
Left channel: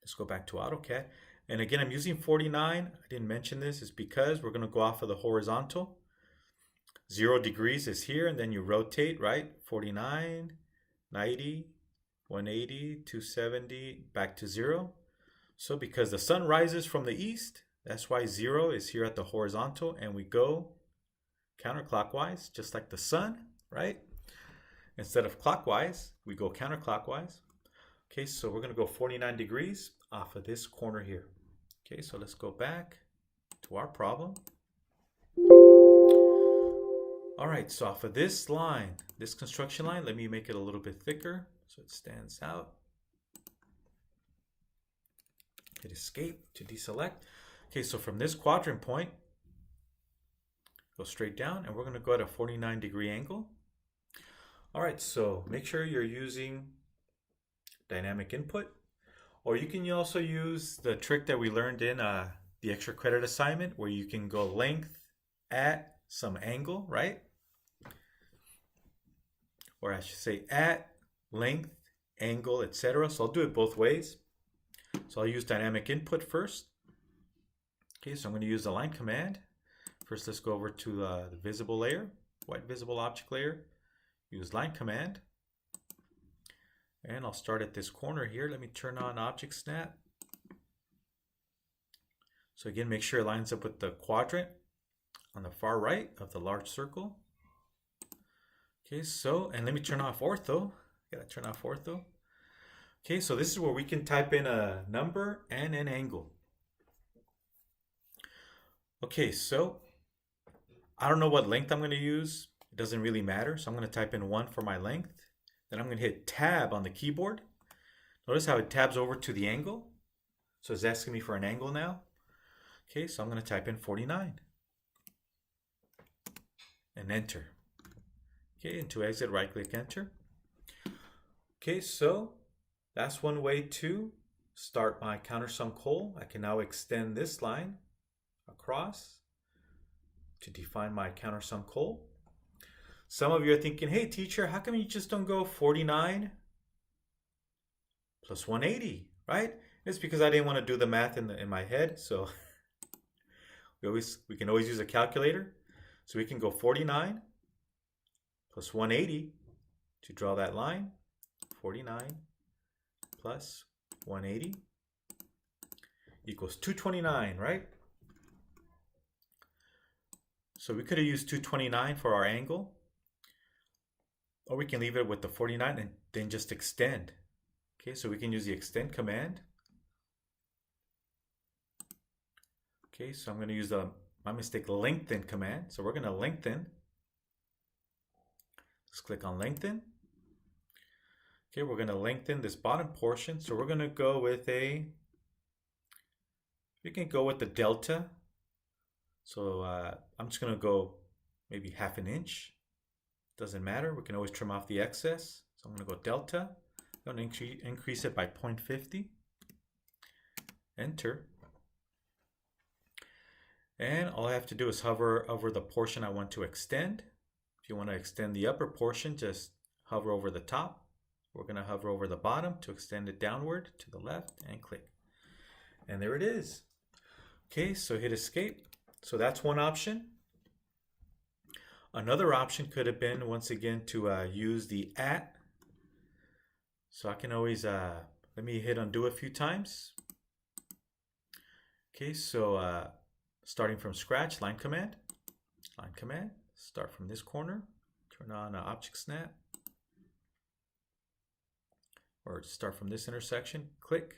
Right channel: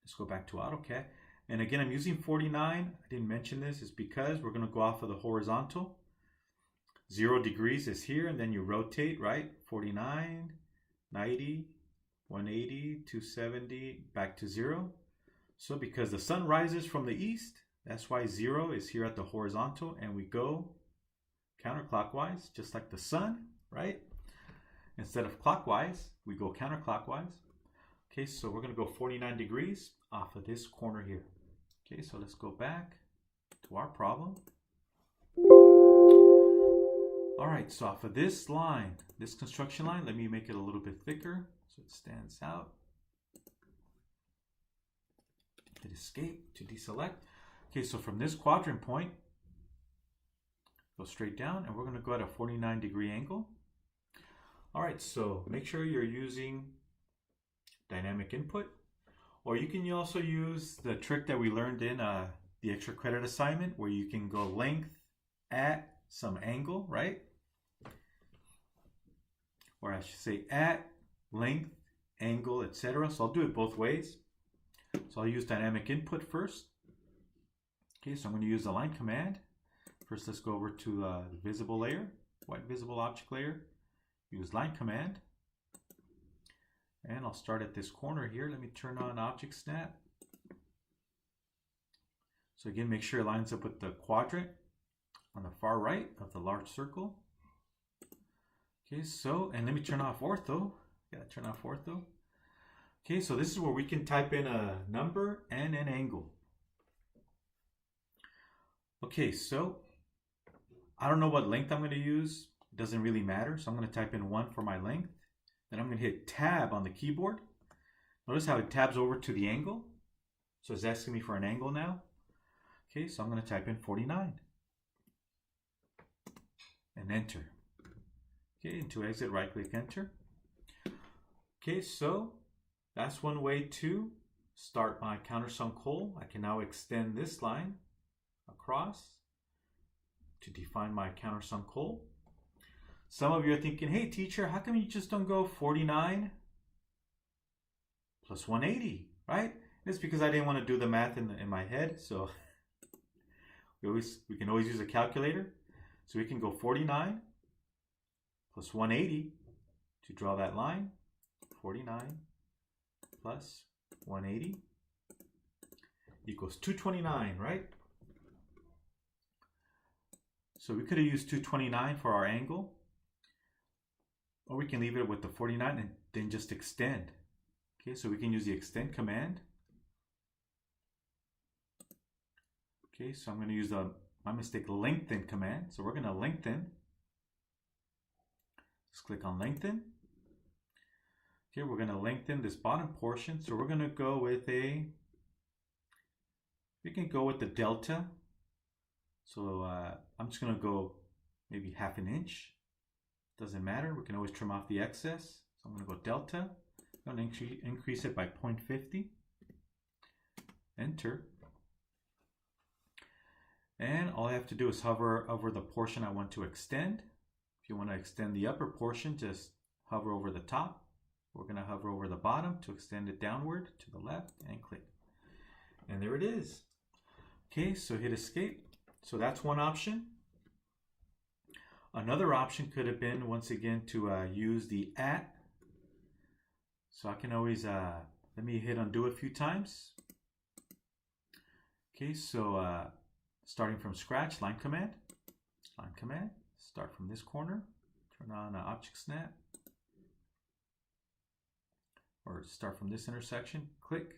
let's go back to AutoCAD. And again, I'm using 49. I didn't mention this. It's because we're going to go off of the horizontal. 0 degrees is here, and then you rotate, right? 49, 90, 180, 270, back to 0. So because the sun rises from the east, that's why 0 is here at the horizontal, and we go counterclockwise, just like the sun, right? Instead of clockwise, we go counterclockwise. Okay, so we're going to go 49 degrees off of this corner here. Okay, so let's go back to our problem. All right, so off of this line, this construction line, let me make it a little bit thicker so it stands out. Hit escape to deselect. Okay, so from this quadrant point, go straight down, and we're going to go at a 49-degree angle. All right, so make sure you're using dynamic input, or you can also use the trick that we learned in the extra credit assignment, where you can go length at some angle, right? Or I should say at length, angle, etc. So I'll do it both ways. So I'll use dynamic input first. Okay, so I'm going to use the line command. First, let's go over to the visible layer, white visible object layer. Use line command. And I'll start at this corner here. Let me turn on object snap. So again, make sure it lines up with the quadrant on the far right of the large circle. Okay, so, and let me turn off ortho. Gotta turn off ortho. Okay, so this is where we can type in a number and an angle. Okay, so I don't know what length I'm going to use. It doesn't really matter. So I'm going to type in 1 for my length. Then I'm going to hit tab on the keyboard. Notice how it tabs over to the angle. So it's asking me for an angle now. Okay, so I'm going to type in 49 and enter. Okay, and to exit, right click enter. Okay, so that's one way to start my countersunk hole. I can now extend this line across to define my countersunk hole. Some of you are thinking, hey teacher, how come you just don't go 49 plus 180, right? It's because I didn't want to do the math in my head. So we can always use a calculator. So we can go 49 plus 180 to draw that line. 49 plus 180 equals 229, right? So we could have used 229 for our angle, or we can leave it with the 49 and then just extend. Okay, so we can use the extend command. Okay, so I'm going to use my mistake, lengthen command. So we're going to lengthen. Let's click on lengthen. Okay, we're going to lengthen this bottom portion. So we're going to go with we can go with the delta. So I'm just going to go maybe half an inch. Doesn't matter. We can always trim off the excess. So I'm going to go delta. I'm going to increase it by 0.50. Enter. And all I have to do is hover over the portion I want to extend. If you want to extend the upper portion, just hover over the top. We're going to hover over the bottom to extend it downward to the left and click. And there it is. Okay, so hit escape. So that's one option. Another option could have been, once again, to use the at. So I can always, let me hit undo a few times. Okay, so starting from scratch, line command, start from this corner, turn on object snap, or start from this intersection, click.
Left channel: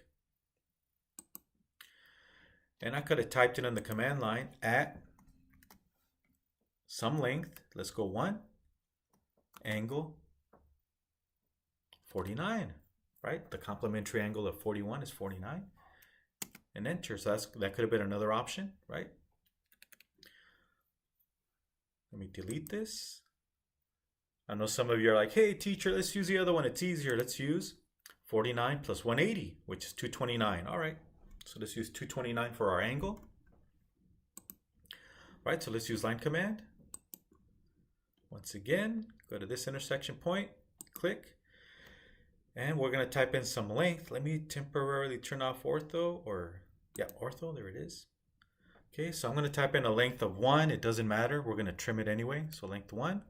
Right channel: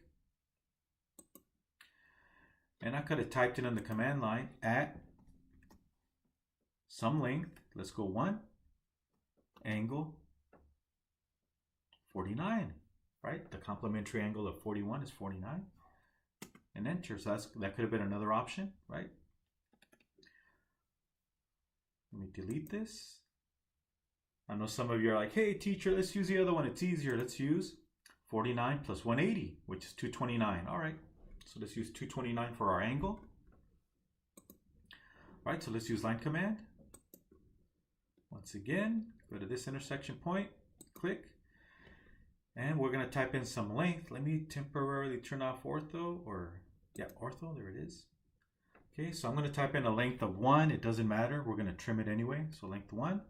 And I could have typed it in the command line at some length, let's go 1, angle 49, right? The complementary angle of 41 is 49, and enter. So that could have been another option, right? Let me delete this. I know some of you are like, hey teacher, let's use the other one. It's easier. Let's use 49 plus 180, which is 229. All right, so let's use 229 for our angle. right? So let's use line command. Once again, go to this intersection point, click, and we're going to type in some length. Let me temporarily turn off ortho, or yeah, ortho, there it is. Okay, so I'm going to type in a length of 1. It doesn't matter. We're going to trim it anyway. So length 1,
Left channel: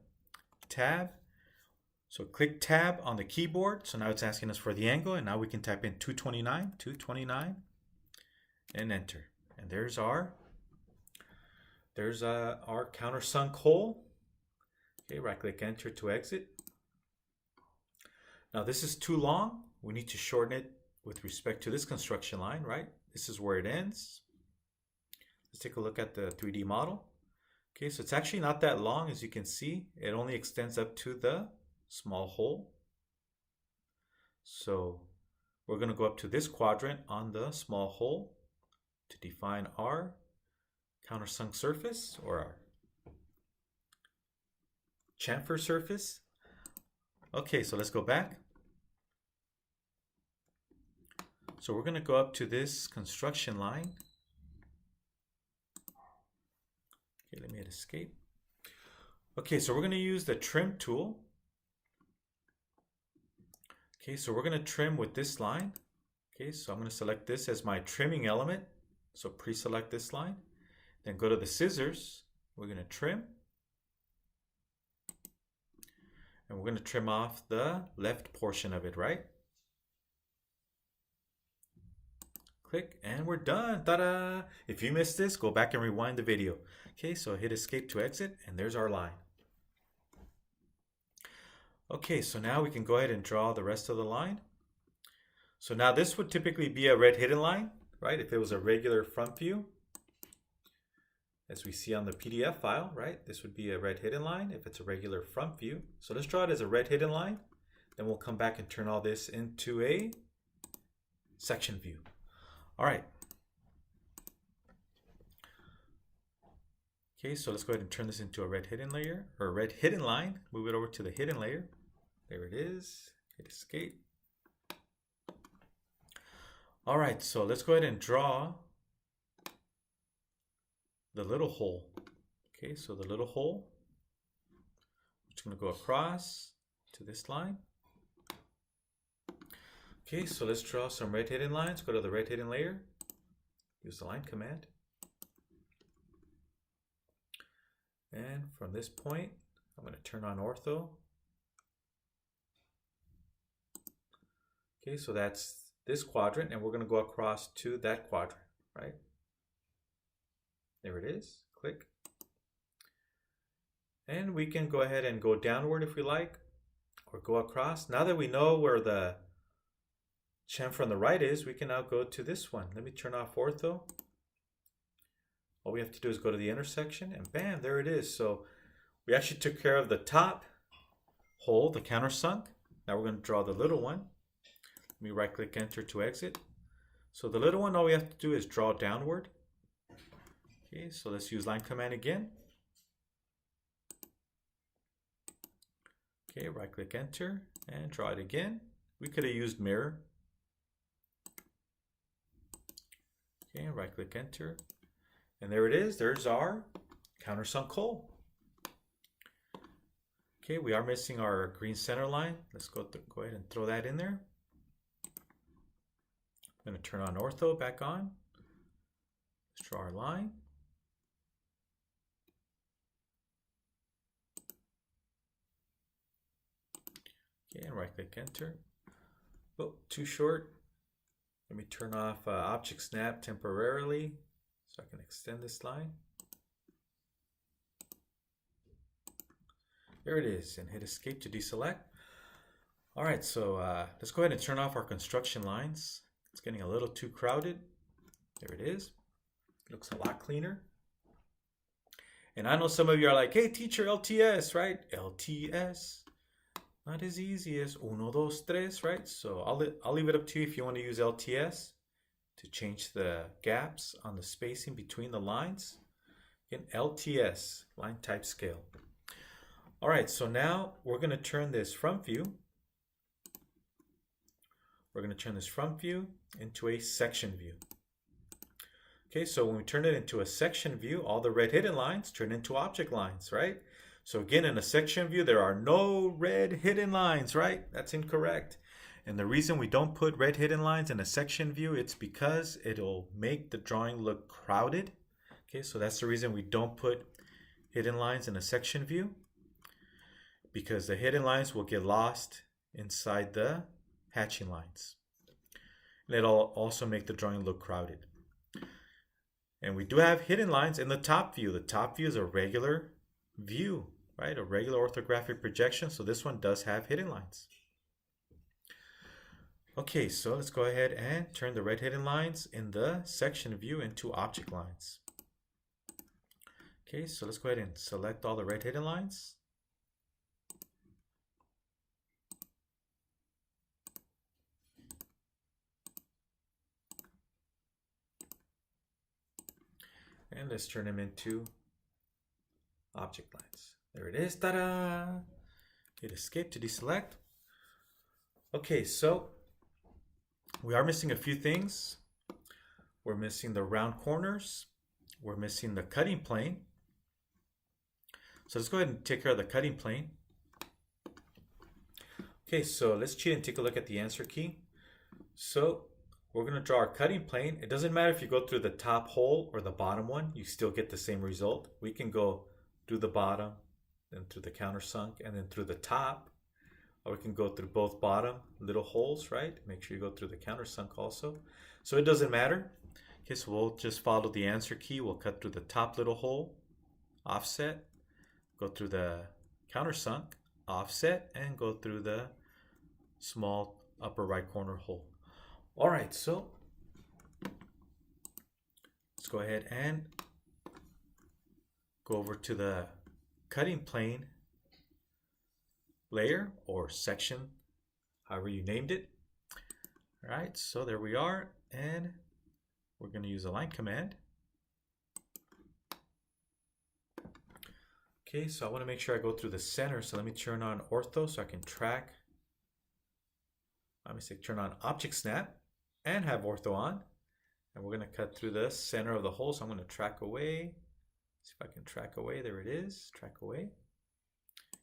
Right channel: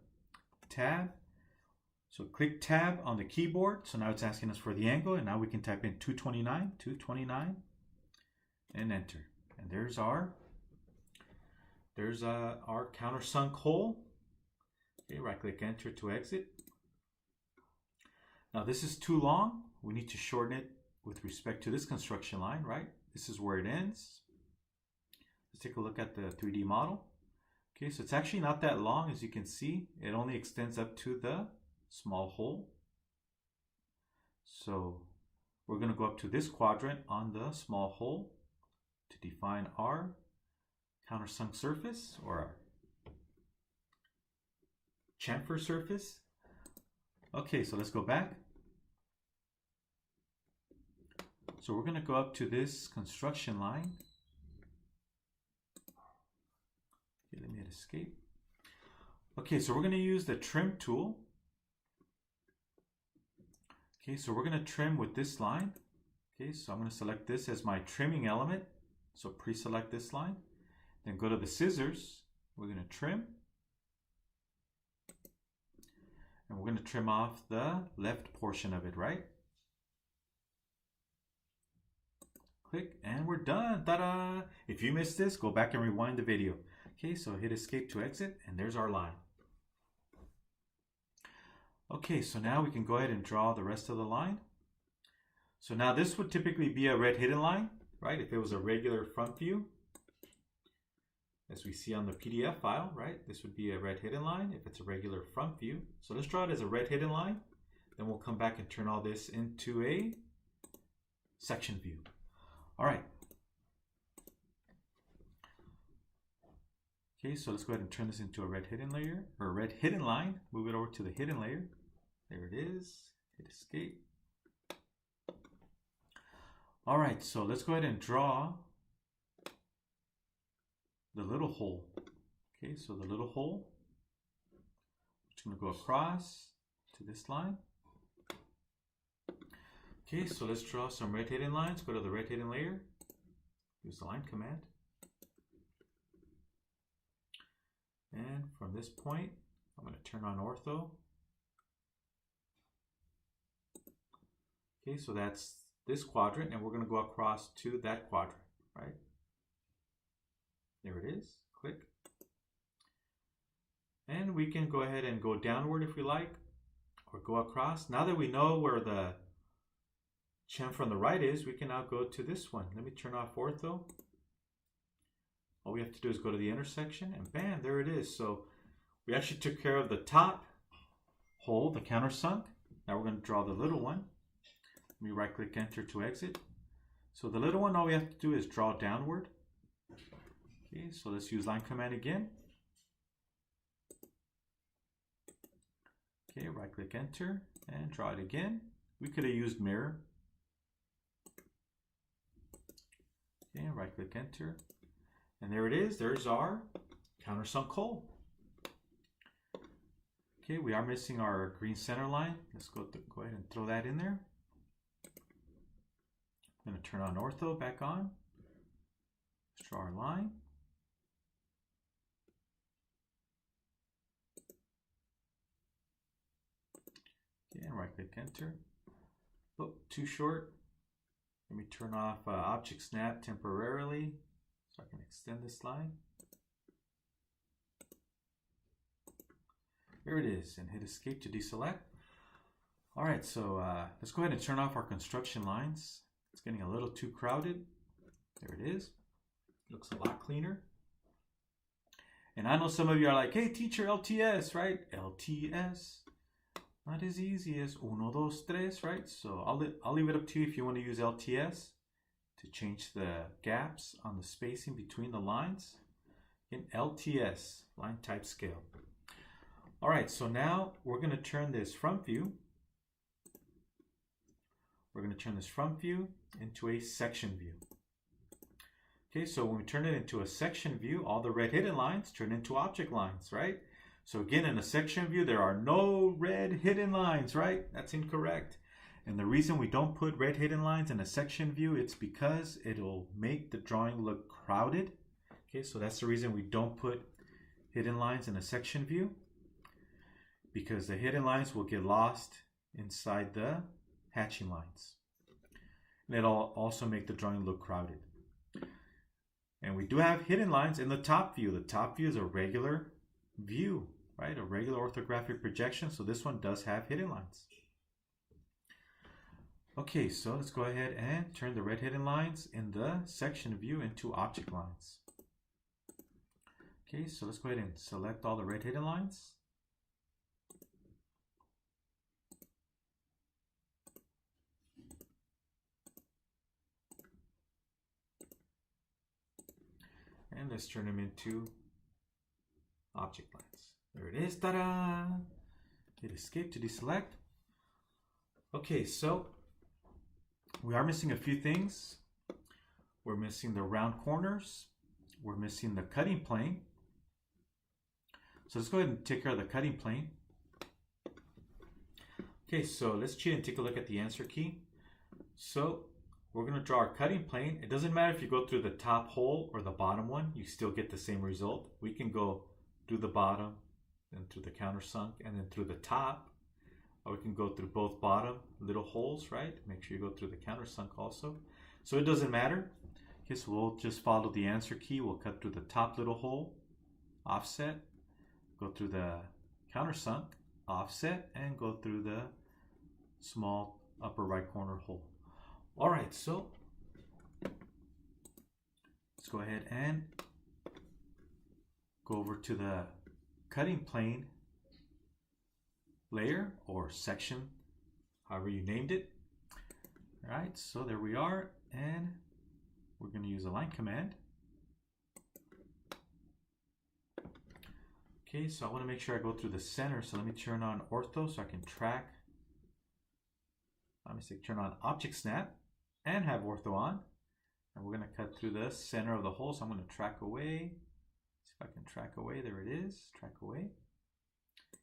tab. So click tab on the keyboard. So now it's asking us for the angle, and now we can type in 229, and enter. And there's our countersunk hole. Okay, right click enter to exit. Now this is too long. We need to shorten it with respect to this construction line, right? This is where it ends. Let's take a look at the 3D model. Okay, so it's actually not that long, as you can see. It only extends up to the small hole. So we're going to go up to this quadrant on the small hole to define our countersunk surface, or our chamfer surface. Okay, so let's go back. So we're going to go up to this construction line. Okay, let me hit escape. Okay, so we're going to use the trim tool. Okay, so we're going to trim with this line. Okay, so I'm going to select this as my trimming element. So pre-select this line. Then go to the scissors. We're going to trim. And we're going to trim off the left portion of it, right? Click, and we're done. Ta-da! If you missed this, go back and rewind the video. Okay, so hit escape to exit, and there's our line. Okay, so now we can go ahead and draw the rest of the line. So now this would typically be a red hidden line, right? If it was a regular front view, as we see on the PDF file, right? This would be a red hidden line if it's a regular front view. So let's draw it as a red hidden line. Then we'll come back and turn all this into a section view. All right. Okay, so let's go ahead and turn this into a red hidden layer, or a red hidden line. Move it over to the hidden layer. There it is. Hit escape. All right, so let's go ahead and draw the little hole. Okay, so the little hole, it's going to go across to this line. Okay, so let's draw some red hidden lines. Go to the red hidden layer. Use the line command. And from this point, I'm going to turn on ortho. Okay, so that's this quadrant, and we're going to go across to that quadrant, right? There it is. Click. And we can go ahead and go downward if we like, or go across. Now that we know where the chamfer on the right is, we can now go to this one. Let me turn off ortho. All we have to do is go to the intersection, and bam, there it is. So we actually took care of the top hole, the countersunk. Now we're going to draw the little one. Let me right click enter to exit. So the little one, all we have to do is draw downward. Okay, so let's use line command again. Okay, right click enter and draw it again. We could have used mirror. Okay, right click enter. And there it is. There's our countersunk hole. Okay, we are missing our green center line. Let's go ahead and throw that in there. I'm going to turn on ortho back on. Let's draw our line. Okay, and right click enter. Oh, too short. Let me turn off object snap temporarily so I can extend this line. There it is, and hit escape to deselect. All right, so let's go ahead and turn off our construction lines. It's getting a little too crowded. There it is. It looks a lot cleaner. And I know some of you are like, hey teacher, LTS, right? LTS. Not as easy as 1, 2, 3, right? So I'll leave it up to you if you want to use LTS to change the gaps on the spacing between the lines. Again, LTS, line type scale. All right, so now we're going to turn this front view. We're going to turn this front view into a section view. Okay, so when we turn it into a section view, all the red hidden lines turn into object lines, right? So again, in a section view, there are no red hidden lines, right? That's incorrect. And the reason we don't put red hidden lines in a section view, it's because it'll make the drawing look crowded. Okay, so that's the reason we don't put hidden lines in a section view, because the hidden lines will get lost inside the hatching lines. And it'll also make the drawing look crowded. And we do have hidden lines in the top view. The top view is a regular view, right? A regular orthographic projection. So this one does have hidden lines. Okay, so let's go ahead and turn the red hidden lines in the section view into object lines. Okay, so let's go ahead and select all the red hidden lines. And let's turn them into object lines. There it is, ta-da! Hit escape to deselect. Okay, so we are missing a few things. We're missing the round corners. We're missing the cutting plane. So let's go ahead and take care of the cutting plane. Okay, so let's cheat and take a look at the answer key. So we're going to draw our cutting plane. It doesn't matter if you go through the top hole or the bottom one, you still get the same result. We can go through the bottom, then through the countersunk, and then through the top. Or we can go through both bottom little holes, right? Make sure you go through the countersunk also. So it doesn't matter. Okay, so we'll just follow the answer key. We'll cut through the top little hole, offset, go through the countersunk, offset, and go through the small upper right corner hole. All right, so let's go ahead and go over to the cutting plane layer or section, however you named it. All right, so there we are, and we're going to use a line command. Okay, so I want to make sure I go through the center, so let me turn on ortho so I can track. Let me say turn on object snap and have ortho on, and we're going to cut through the center of the hole. So I'm going to track away. See if I can track away. There it is. Track away.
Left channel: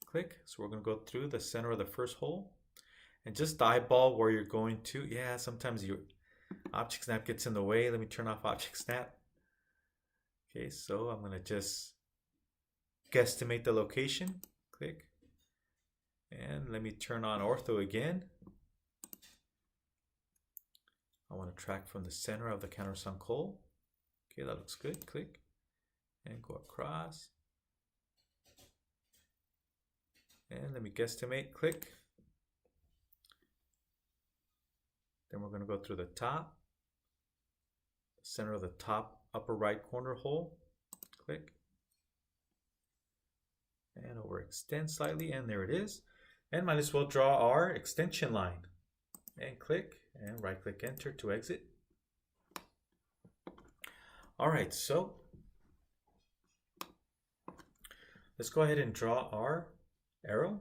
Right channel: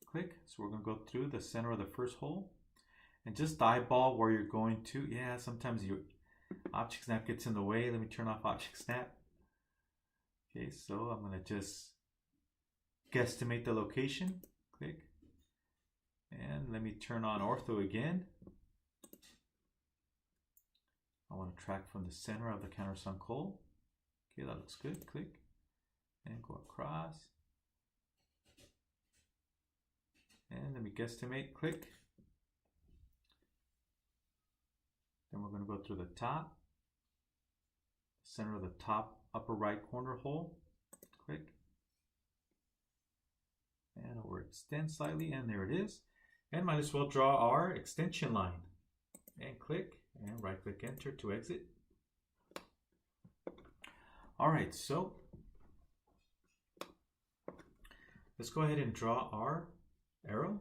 Click. So we're going to go through the center of the first hole, and just eyeball where you're going to. Yeah, sometimes your object snap gets in the way. Let me turn off object snap. Okay, so I'm going to just guesstimate the location. Click, and let me turn on ortho again. I want to track from the center of the countersunk hole. Okay, that looks good. Click and go across. And let me guesstimate. Click. Then we're going to go through the top, center of the top upper right corner hole. Click. And overextend slightly, and there it is. And might as well draw our extension line. And click. And right click enter to exit. All right, so let's go ahead and draw our arrow.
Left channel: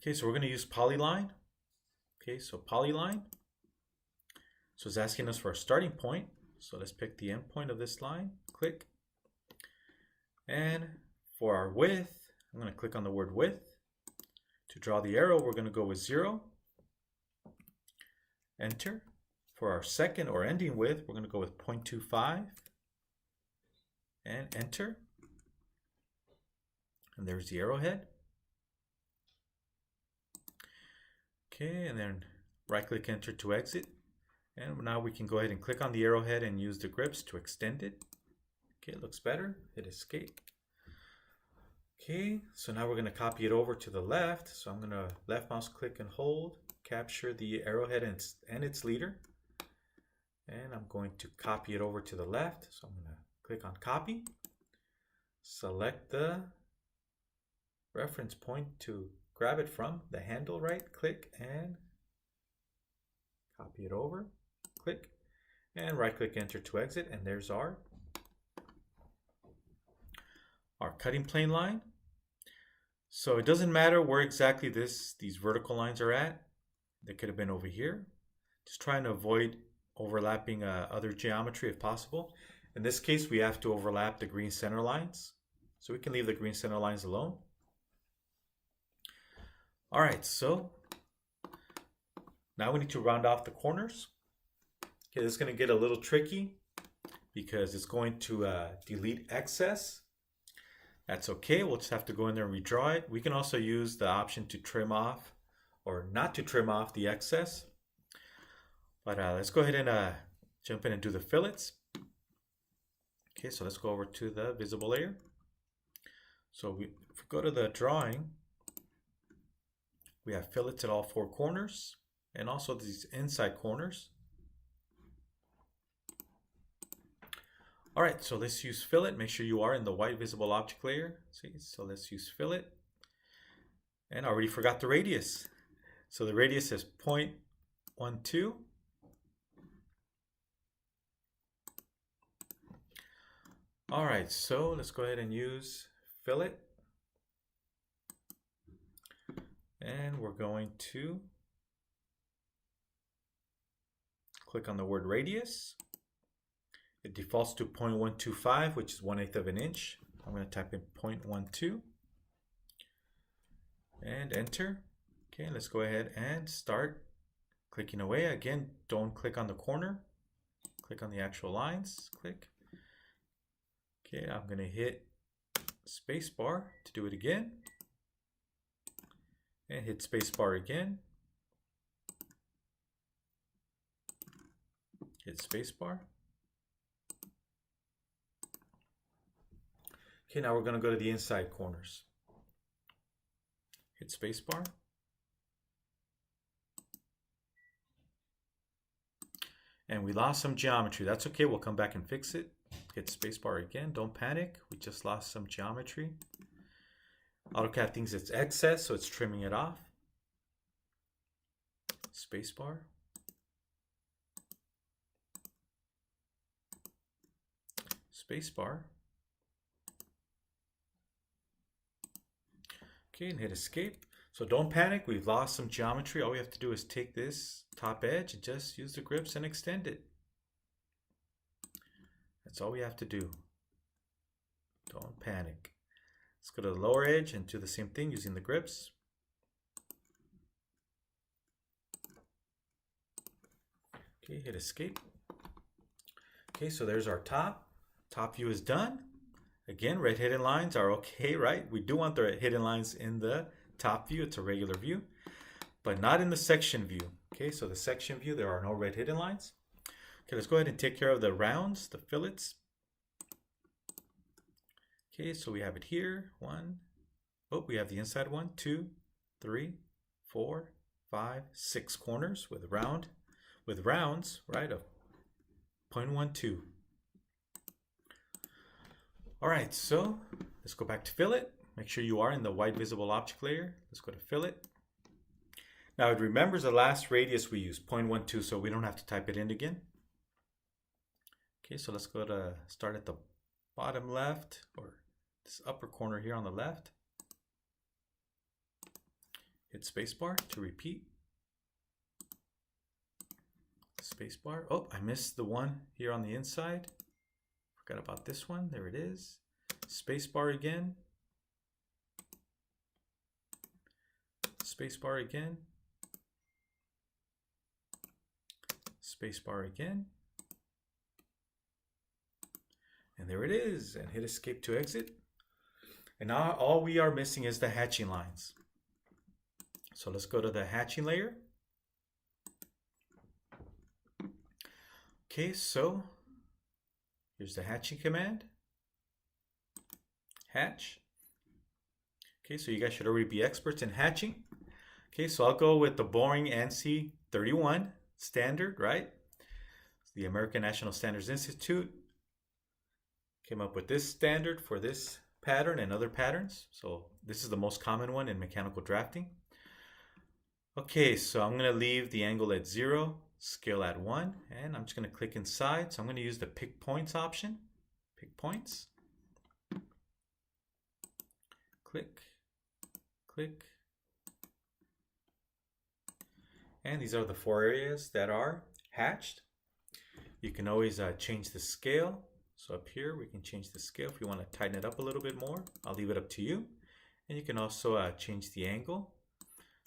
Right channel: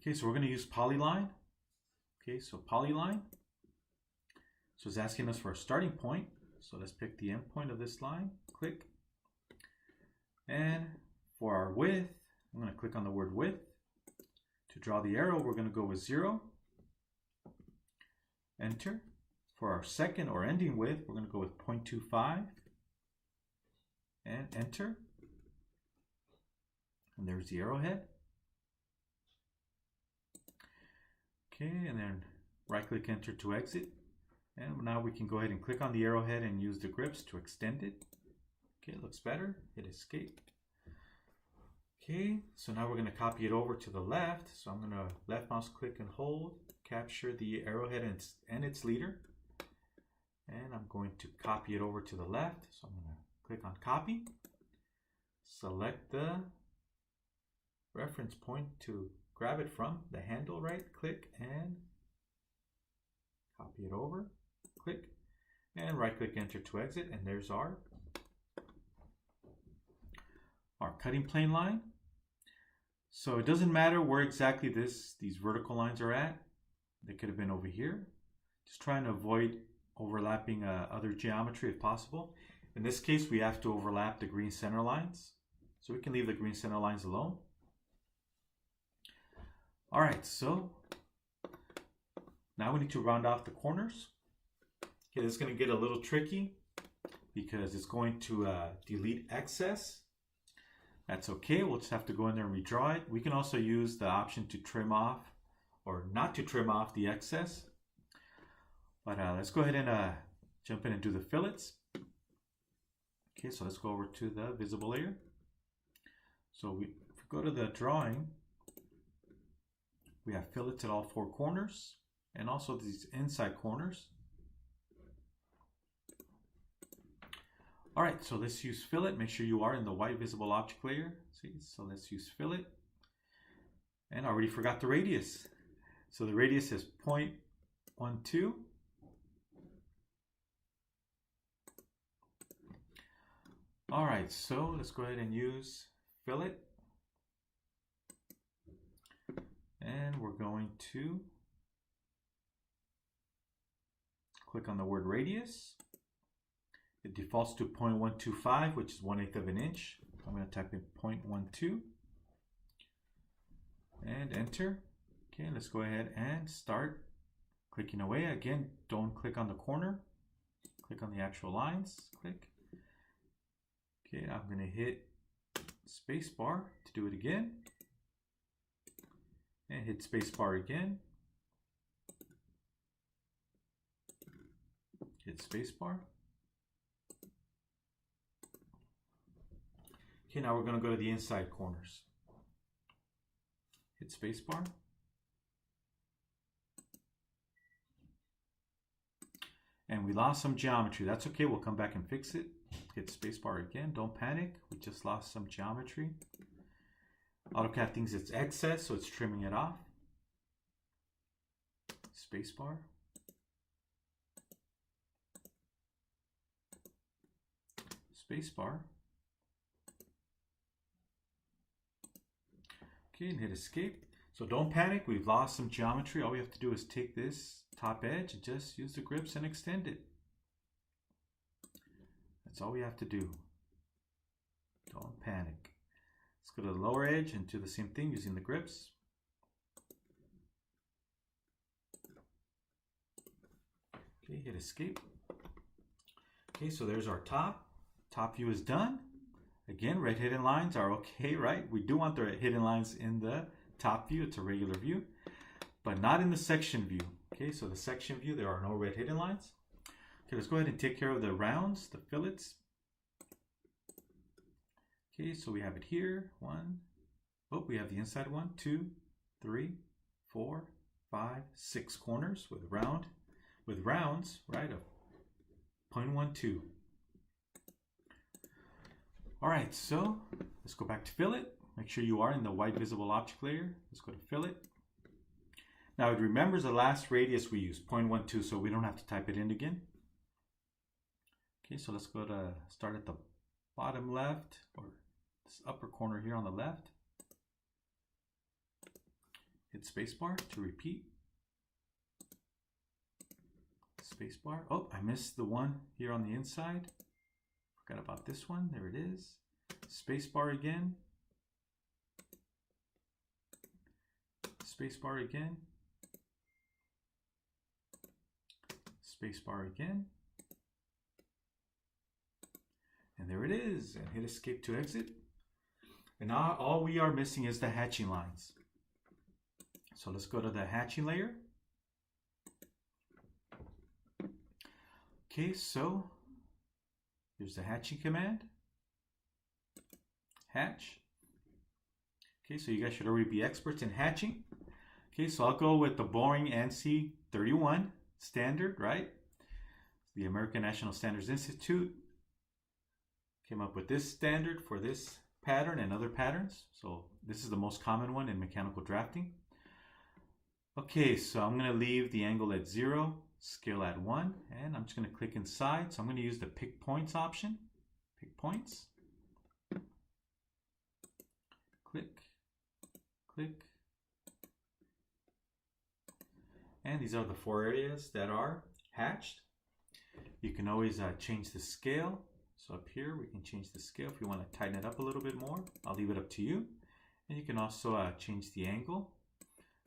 Okay, so we're going to use Polyline. Okay, so Polyline. So it's asking us for a starting point. So let's pick the end point of this line. Click. And for our width, I'm going to click on the word width. To draw the arrow, we're going to go with 0. Enter. For our second or ending width, we're going to go with 0.25 and enter. And there's the arrowhead. Okay, and then right click enter to exit. And now we can go ahead and click on the arrowhead and use the grips to extend it. Okay, it looks better. Hit escape. Okay, so now we're going to copy it over to the left. So I'm going to left mouse click and hold, capture the arrowhead and its leader. And I'm going to copy it over to the left. So I'm going to click on copy, select the reference point to grab it from the handle, right click and copy it over, click and right click enter to exit. And there's our cutting plane line. So it doesn't matter where exactly these vertical lines are at. They could have been over here. Just trying to avoid overlapping other geometry if possible. In this case, we have to overlap the green center lines. So we can leave the green center lines alone. All right, so now we need to round off the corners. Okay, this is going to get a little tricky because it's going to delete excess. That's okay, we'll just have to go in there and redraw it. We can also use the option to trim off or not to trim off the excess. But let's go ahead and jump in and do the fillets. Okay, so let's go over to the visible layer. So if we go to the drawing, we have fillets at all four corners and also these inside corners. All right, so let's use fillet. Make sure you are in the white visible object layer. See, so let's use fillet. And I already forgot the radius. So the radius is 0.12. All right, so let's go ahead and use fillet. And we're going to click on the word radius. It defaults to 0.125, which is 1/8 of an inch. I'm going to type in 0.12 and enter. Okay, let's go ahead and start clicking away. Again, don't click on the corner. Click on the actual lines. Click. Okay, I'm going to hit spacebar to do it again. And hit spacebar again. Hit spacebar. Okay, now we're going to go to the inside corners. Hit spacebar. And we lost some geometry. That's okay, we'll come back and fix it. Hit spacebar again, don't panic. We just lost some geometry. AutoCAD thinks it's excess, so it's trimming it off. Spacebar. Spacebar. Okay, and hit escape. So don't panic, we've lost some geometry. All we have to do is take this top edge and just use the grips and extend it. That's all we have to do. Don't panic. Let's go to the lower edge and do the same thing using the grips. Okay, hit escape. Okay, so there's our top. Top view is done. Again, red hidden lines are okay, right? We do want the hidden lines in the top view. It's a regular view, but not in the section view. Okay, so the section view, there are no red hidden lines. Okay, let's go ahead and take care of the rounds, the fillets. Okay, so we have it here. We have the inside 1, 2, 3, 4, 5, 6 corners with rounds, right, of 0.12. All right, so let's go back to fillet. Make sure you are in the white visible object layer. Let's go to fillet. Now it remembers the last radius we used, 0.12, so we don't have to type it in again. Okay, so let's go to start at the bottom left, or this upper corner here on the left. Hit spacebar to repeat. Spacebar. Oh, I missed the one here on the inside. Forgot about this one. There it is. Spacebar again. Spacebar again. Spacebar again. And there it is. And hit escape to exit. And now all we are missing is the hatching lines. So let's go to the hatching layer. Okay, so here's the hatching command. Hatch. Okay, so you guys should already be experts in hatching. Okay, so I'll go with the boring ANSI 31 standard, right? The American National Standards Institute came up with this standard for this pattern and other patterns. So this is the most common one in mechanical drafting. Okay, so I'm going to leave the angle at 0, scale at 1, and I'm just going to click inside. So I'm going to use the pick points option. Pick points. Click, click. And these are the 4 areas that are hatched. You can always change the scale. So up here, we can change the scale if you want to tighten it up a little bit more. I'll leave it up to you. And you can also change the angle.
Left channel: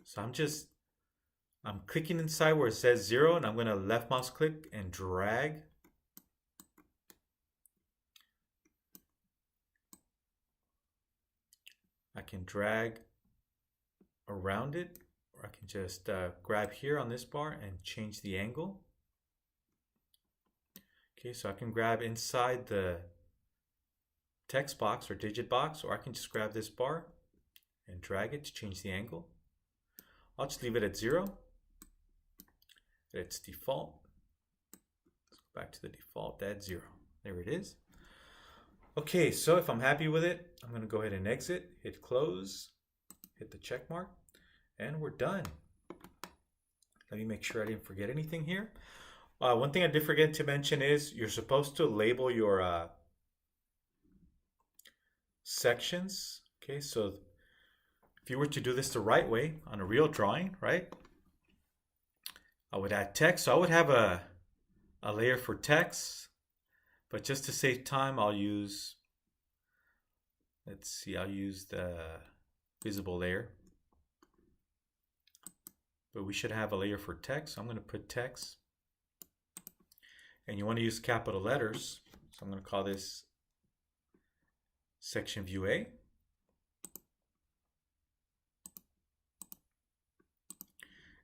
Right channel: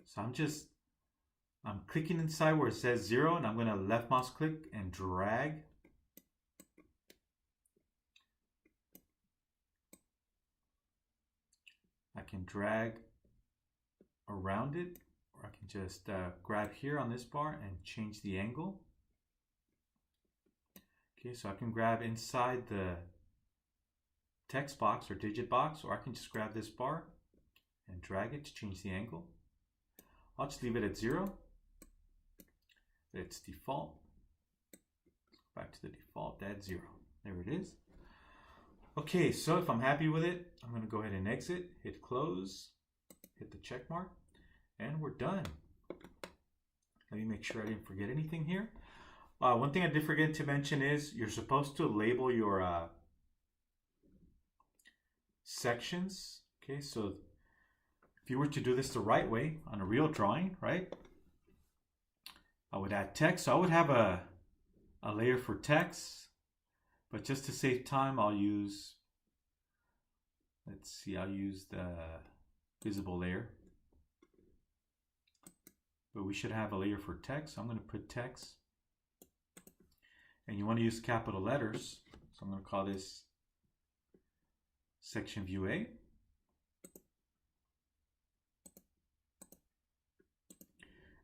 So I'm clicking inside where it says 0, and I'm going to left mouse click and drag. I can drag around it, or I can just grab here on this bar and change the angle. Okay, so I can grab inside the text box or digit box, or I can just grab this bar and drag it to change the angle. I'll just leave it at 0. It's default. Let's go back to the default at 0. There it is. Okay, so if I'm happy with it, I'm going to go ahead and exit, hit close, hit the check mark, and we're done. Let me make sure I didn't forget anything here. One thing I did forget to mention is you're supposed to label your sections. Okay, so if you were to do this the right way on a real drawing, right? I would add text. So I would have a layer for text, but just to save time, I'll use, I'll use the visible layer. But we should have a layer for text. So I'm going to put text. And you want to use capital letters. So I'm going to call this section view A.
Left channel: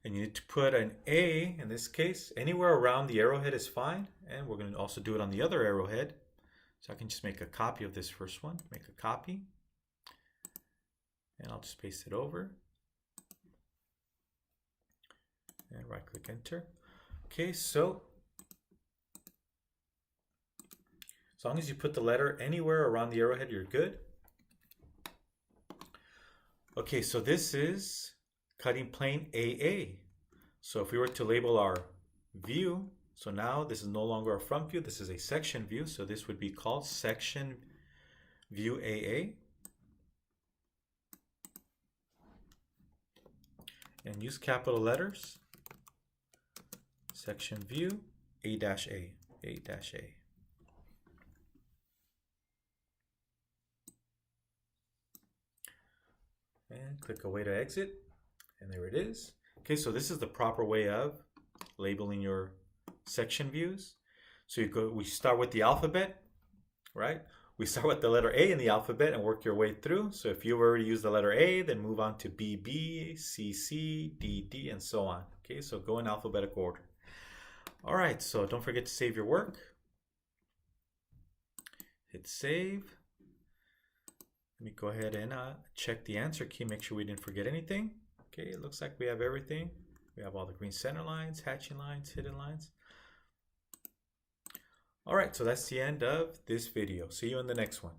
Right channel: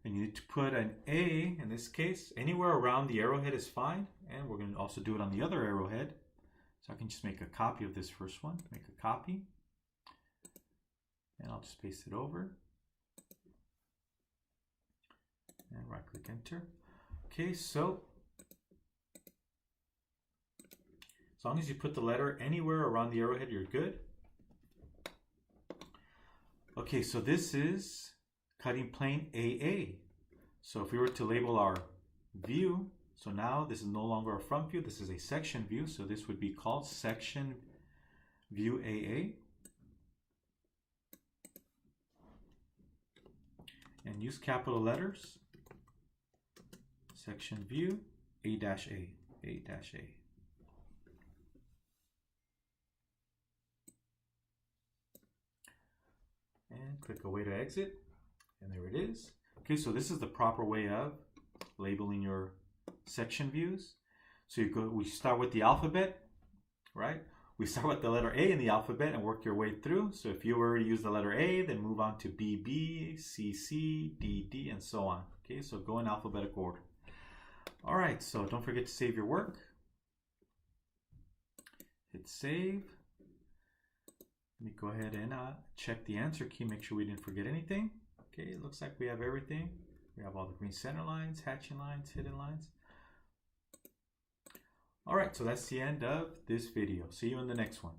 And you need to put an A, in this case, anywhere around the arrowhead is fine. And we're going to also do it on the other arrowhead. So I can just make a copy of this first one, make a copy. And I'll just paste it over. And right click enter. Okay, so as long as you put the letter anywhere around the arrowhead, you're good. Okay, so this is cutting plane AA. So if we were to label our view, so now this is no longer a front view, this is a section view. So this would be called section view AA. And use capital letters. Section view A-A, A-A. And click away to exit, and there it is. Okay, so this is the proper way of labeling your section views. So we start with the alphabet, right? We start with the letter A in the alphabet and work your way through. So if you already use the letter A, then move on to BB, CC, DD, and so on. Okay, so go in alphabetical order. All right, so don't forget to save your work. Hit save. Let me go ahead and check the answer key, make sure we didn't forget anything. Okay, it looks like we have everything. We have all the green center lines, hatching lines, hidden lines. All right, so that's the end of this video. See you in the next one.